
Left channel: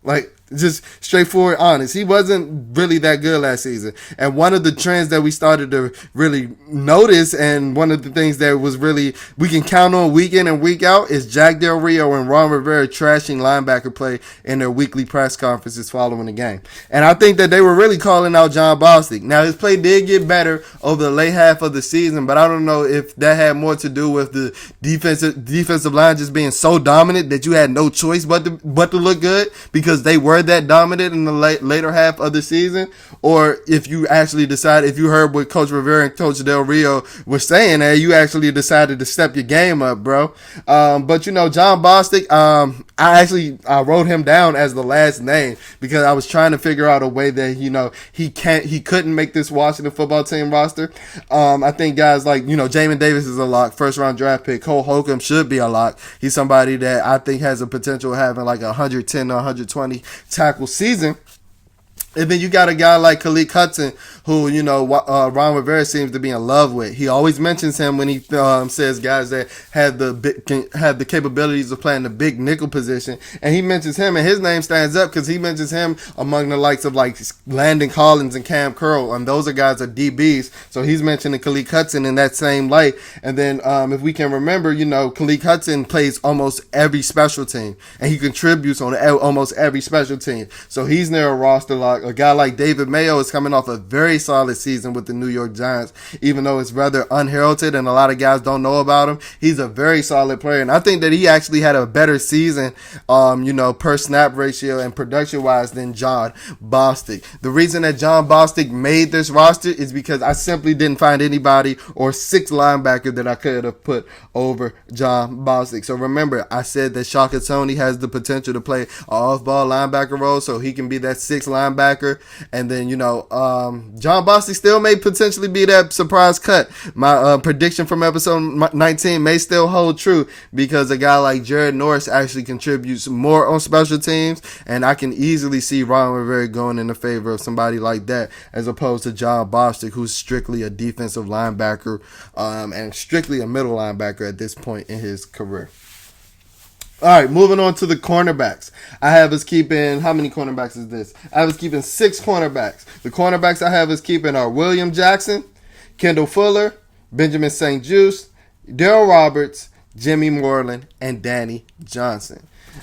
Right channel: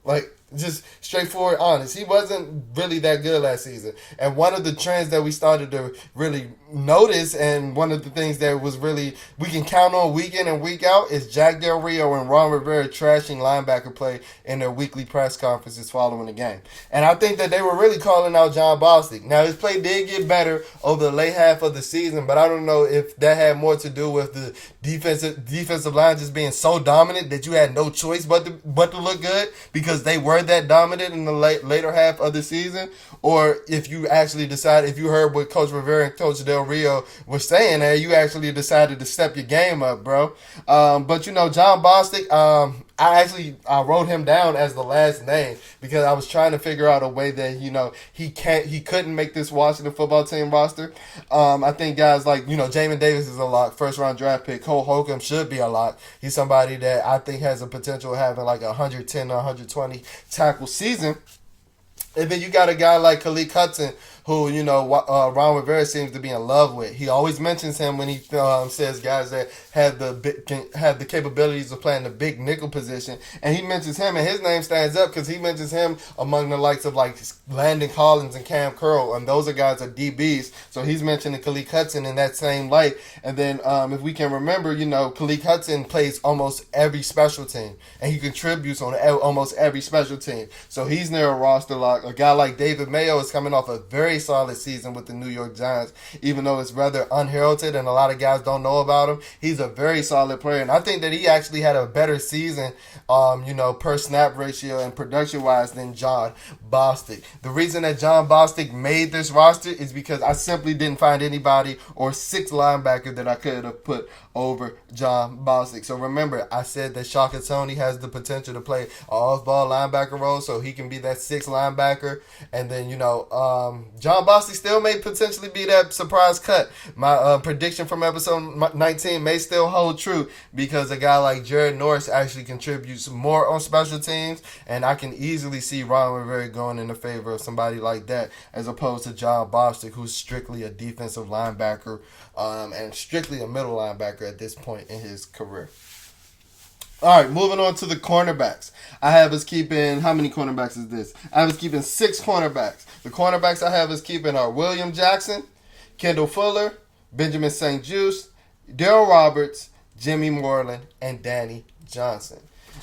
Just straightforward, honest. He wasn't really that good last season. And one of the trends that we started to really notice, and one of the things that was really we can count on week in and week out, is Jack Del Rio and Ron Rivera trashing linebacker play in their weekly press conferences following the game. And I think that they were really calling out John Bostic. Now, his play did get better over the late half of the season, but I don't know if that had more to do with the defensive line just being so dominant that you had no choice but to look good because they were that dominant in the later half of the season, or if you actually decide, if you heard what Coach Rivera and Coach Del Rio were saying, and you actually decided to step your game up, bro. But John Bostic, I wrote him down as the last name because I was trying to figure out a way that he couldn't make this Washington football team roster. I think guys like Jamin Davis is a lock, first round draft pick. Cole Holcomb should be a lock. He's somebody that I think has a potential of having like 110 or 120 tackle season. And then you got a guy like Khaleke Hudson, who, Ron Rivera seems to be in love with. He always mentions him when he says guys that have the capabilities of playing the big nickel position. And he mentions him, and his name stands up because he mentions him among the likes of like Landon Collins and Cam Curl. And those are guys are DBs. So he's mentioning Khaleke Hudson in that same light. And then if we can remember, Khaleke Hudson plays almost every special team. And he contributes on almost every special team. So he's near a roster lock. A guy like David Mayo is coming off a very solid season with the New York Giants, even though it's rather unheralded and a lot of guys don't know about him. He's a very solid player, and I think that he actually had a better season, per snap ratio and production-wise than John Bostic. The reason that John Bostic made this roster is because I simply didn't find anybody or 6 linebacker that I could have put over John Bostic. So remember, I said that Shaka Toney has the potential to play an off-ball linebacker role, so he can be that 6th linebacker. And then, John Bostic still may potentially be that surprise cut. My prediction from episode 19 may still hold true because a guy like Jared Norris actually contributes more on special teams, and I can easily see Ron Rivera going in the favor of somebody like that as opposed to John Bostic, who's strictly a defensive linebacker and strictly a middle linebacker at this point in his career. All right, moving on to the cornerbacks. I have us keeping, how many cornerbacks is this? I have us keeping 6 cornerbacks. The cornerbacks I have us keeping are William Jackson, Kendall Fuller, Benjamin St. Juste, Darryl Roberts, Jimmy Moreland, and Danny Johnson.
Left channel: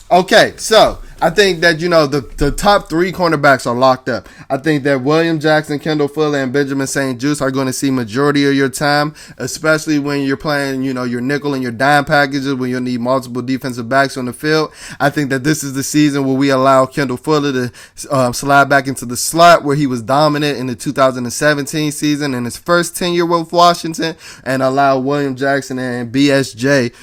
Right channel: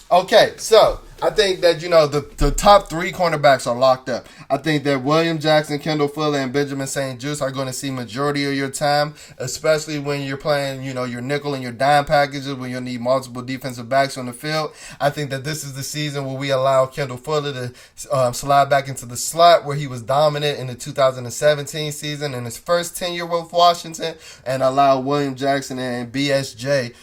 Okay, so I think that, the top 3 cornerbacks are locked up. I think that William Jackson, Kendall Fuller, and Benjamin St. Juste are going to see majority of your time, especially when you're playing, your nickel and your dime packages, when you'll need multiple defensive backs on the field. I think that this is the season where we allow Kendall Fuller to slide back into the slot where he was dominant in the 2017 season in his first tenure with Washington, and allow William Jackson and BSJ,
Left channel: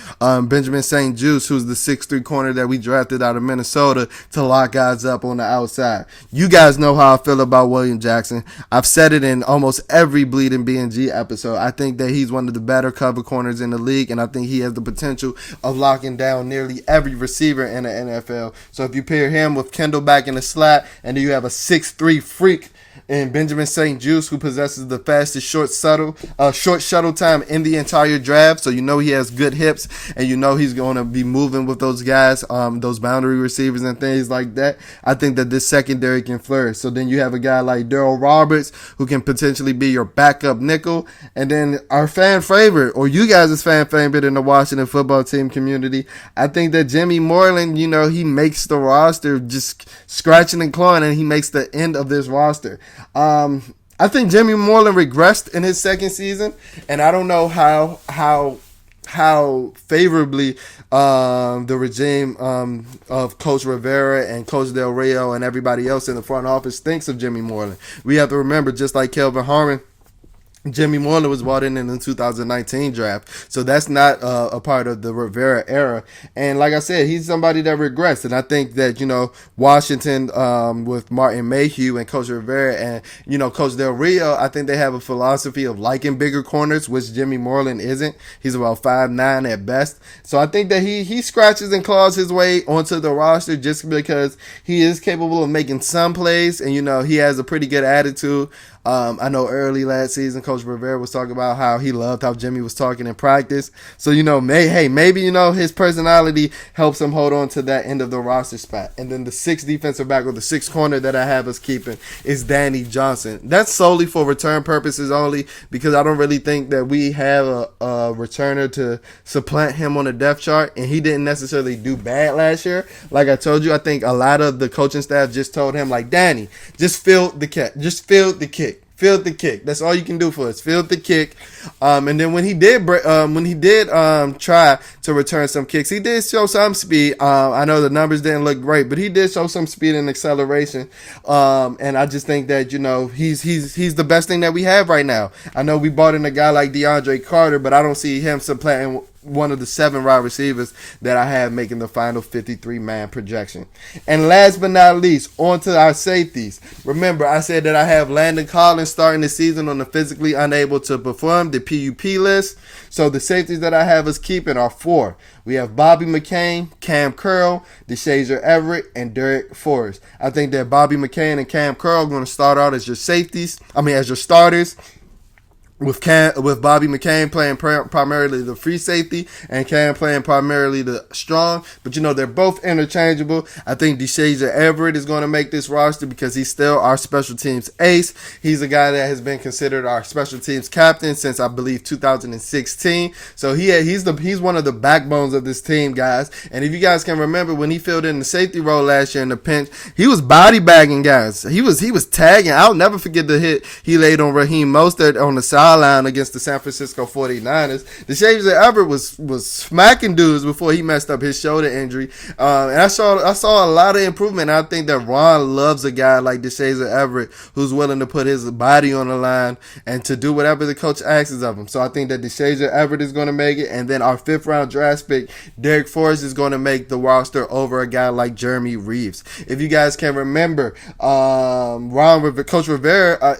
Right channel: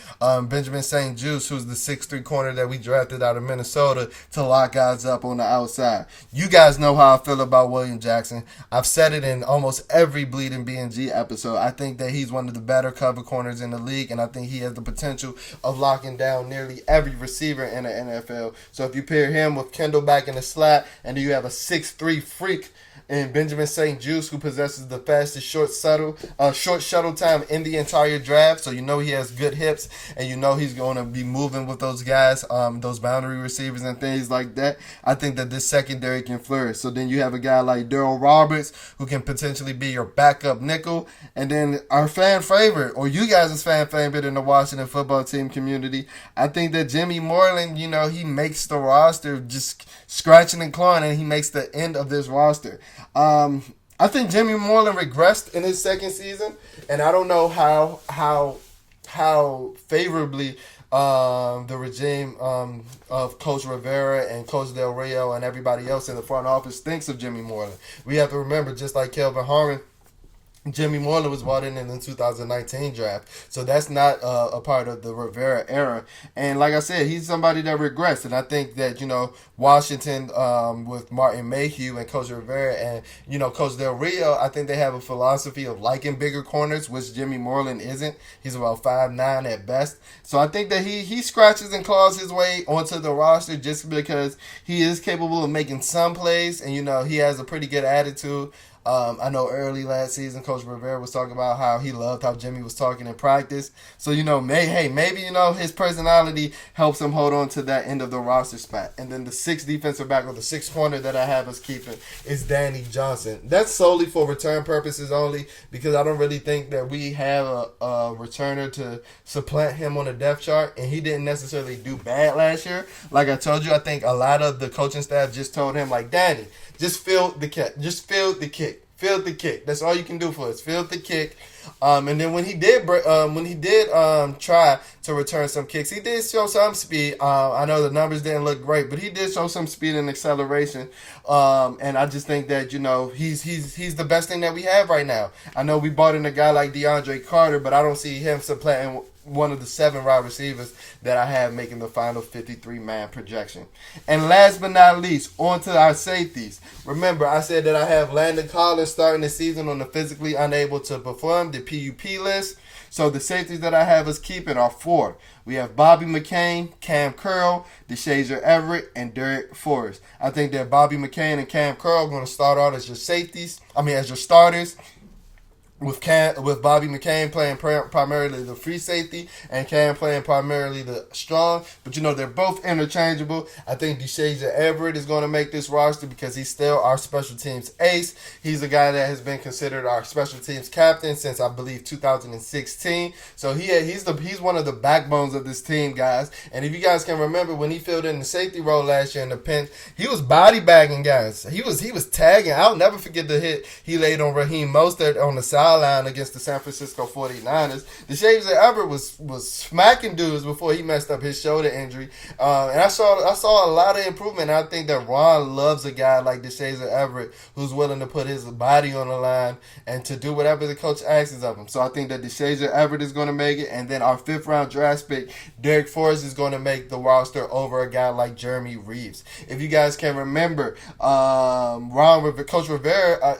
Benjamin St. Juste, who's the 6'3" corner that we drafted out of Minnesota, to lock guys up on the outside. You guys know how I feel about William Jackson. I've said it in almost every Bleeding BnG episode. I think that he's one of the better cover corners in the league, and I think he has the potential of locking down nearly every receiver in the NFL. So if you pair him with Kendall back in the slot, and then you have a 6'3" freak and Benjamin St. Juste, who possesses the fastest short shuttle time in the entire draft. So he has good hips, and he's going to be moving with those guys, those boundary receivers and different things like that, I think that this secondary can flourish. So then you have a guy like Daryl Roberts who can potentially be your backup nickel. And then our fan favorite, or you guys' fan favorite in the Washington football team community, I think that Jimmy Moreland, he makes the roster just scratching and clawing, and he makes the end of this roster. I think Jimmy Moreland regressed in his second season, and I don't know how favorably the regime of Coach Rivera and Coach Del Rio and everybody else in the front office thinks of Jimmy Moreland. We have to remember, just like Kelvin Harmon, Jimmy Moreland was brought in the 2019 draft, so that's not a part of the Rivera era. And like I said, he's somebody that regressed, and I think that Washington with Martin Mayhew and Coach Rivera and Coach Del Rio, I think they have a philosophy of liking bigger corners, which Jimmy Moreland isn't. He's about 5'9" at best, so I think that he scratches and claws his way onto the roster just because he is capable of making some plays, and he has a pretty good attitude. I know early last season, Coach Rivera was talking about how he loved how Jimmy was talking in practice. So, maybe his personality helps him hold on to that end of the roster spot. And then the sixth defensive back, or the sixth corner that I have us keeping, is Danny Johnson. That's solely for return purposes only, because I don't really think that we have a returner to supplant him on the depth chart. And he didn't necessarily do bad last year. Like I told you, I think a lot of the coaching staff just told him, like, Danny, just field the kick. Just field the kick. Field the kick. That's all you can do for us. Field the kick. And then when he did try to return some kicks, he did show some speed. I know the numbers didn't look great, but he did show some speed and acceleration. And I just think that he's the best thing that we have right now. I know we brought in a guy like DeAndre Carter, but I don't see him supplanting one of the 7 wide receivers that I have making the final 53-man projection. And last but not least, on to our safeties. Remember, I said that I have Landon Collins starting the season on the physically unable to perform, the PUP list. So the safeties that I have us keeping are 4. We have Bobby McCain, Cam Curl, DeShazier Everett, and Derek Forrest. I think that Bobby McCain and Cam Curl are going to start out as your as your starters. With Bobby McCain playing primarily the free safety and Cam playing primarily the strong. But, they're both interchangeable. I think DeShazier Everett is going to make this roster because he's still our special teams ace. He's a guy that has been considered our special teams captain since, I believe, 2016. So he's one of the backbones of this team, guys. And if you guys can remember, when he filled in the safety role last year in the pinch, he was body bagging guys. He was tagging. I'll never forget the hit he laid on Raheem Mostert on the sideline against the San Francisco 49ers. DeShazier Everett was smacking dudes before he messed up his shoulder injury. And I saw a lot of improvement. I think that Ron loves a guy like DeShazier Everett who's willing to put his body on the line and to do whatever the coach asks of him. So I think that DeShazier Everett is going to make it. And then our 5th round draft pick, Derek Forrest, is going to make the roster over a guy like Jeremy Reeves. If you guys can remember, Coach Rivera,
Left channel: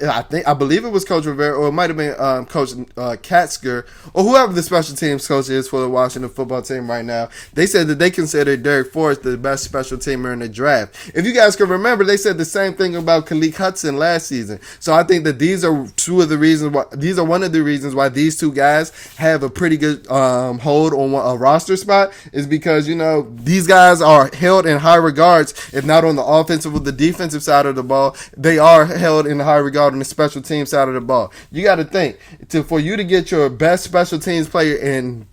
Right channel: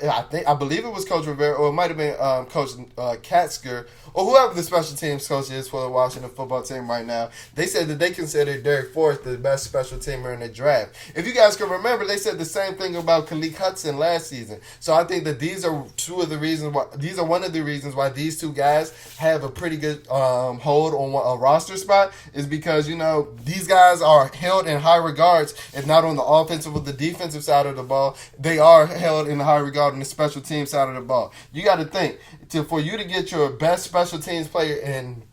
I believe it was Coach Rivera, or it might have been Coach Katzker, or whoever the special teams coach is for the Washington football team right now. They said that they considered Derek Forrest the best special teamer in the draft. If you guys can remember, they said the same thing about Khaleke Hudson last season. So I think that these are one of the reasons why these two guys have a pretty good hold on a roster spot, is because these guys are held in high regards, if not on the offensive or the defensive side of the ball. They are held in high regard on the special team side of the ball. You got to think, for you to get your best special teams player in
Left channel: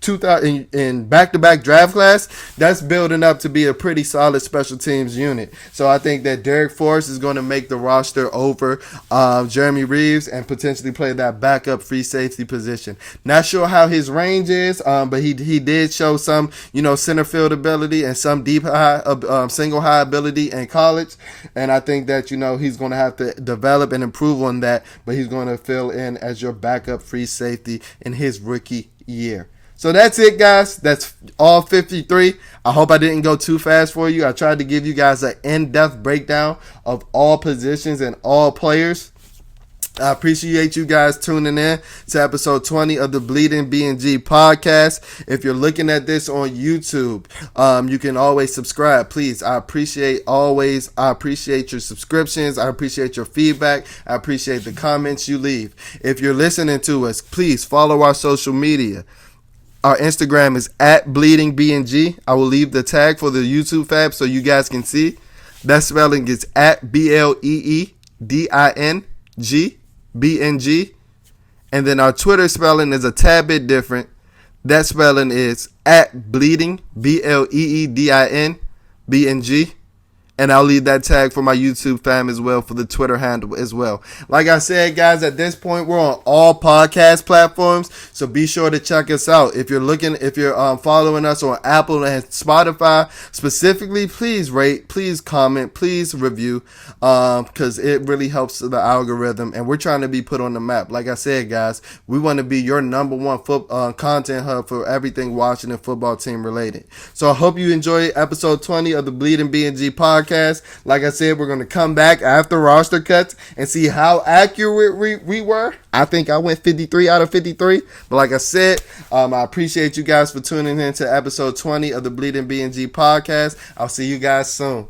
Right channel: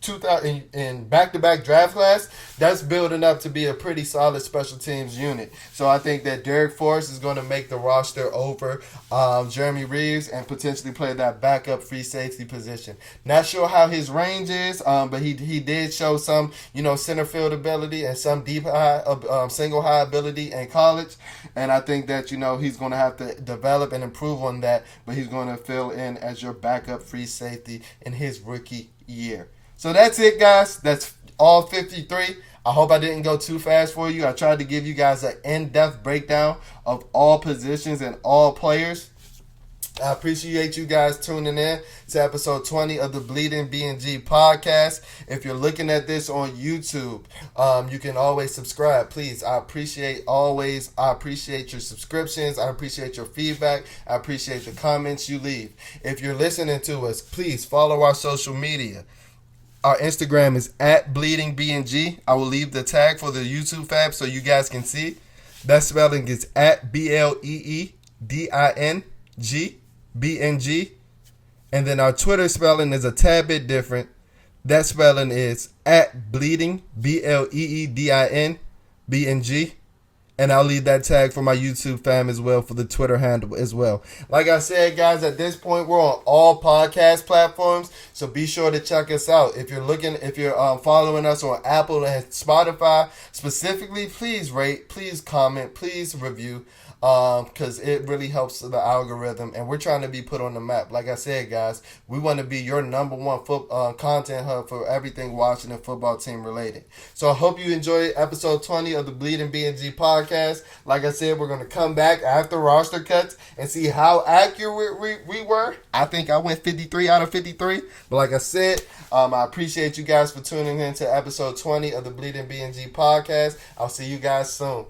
back-to-back draft class, that's building up to be a pretty solid special teams unit. So I think that Derek Forrest is going to make the roster over Jeremy Reeves and potentially play that backup free safety position. Not sure how his range is, but he did show some center field ability and some deep high single high ability in college, and I think that he's going to have to develop and improve on that, but he's going to fill in as your backup free safety in his rookie year. So that's it, guys. That's all 53. I hope I didn't go too fast for you. I tried to give you guys an in-depth breakdown of all positions and all players. I appreciate you guys tuning in to episode 20 of the Bleeding BnG podcast. If you're looking at this on YouTube, you can always subscribe. Please, I appreciate your subscriptions. I appreciate your feedback. I appreciate the comments you leave. If you're listening to us, please follow our social media. Our Instagram is at BleedingBnG. I will leave the tag for the YouTube fab so you guys can see. That spelling is at BleeDing BNG. And then our Twitter spelling is a tad bit different. That spelling is at Bleeding BleeDing BNG. And I'll leave that tag for my YouTube fam as well for the Twitter handle as well. Like I said, guys, at this point, we're on all podcast platforms. So be sure to check us out. If you're following us on Apple and Spotify specifically, please rate, please comment, please review. Because it really helps the algorithm. And we're trying to be put on the map. Like I said, guys, we want to be your number one content hub for everything Washington football team related. So I hope you enjoyed episode 20 of the Bleeding BnG podcast. Like I said, we're going to come back after roster cuts and see how accurate we were. I think I went 53 out of 53. But like I said, I appreciate you guys for tuning in to episode 20 of the Bleeding BnG podcast. I'll see you guys soon.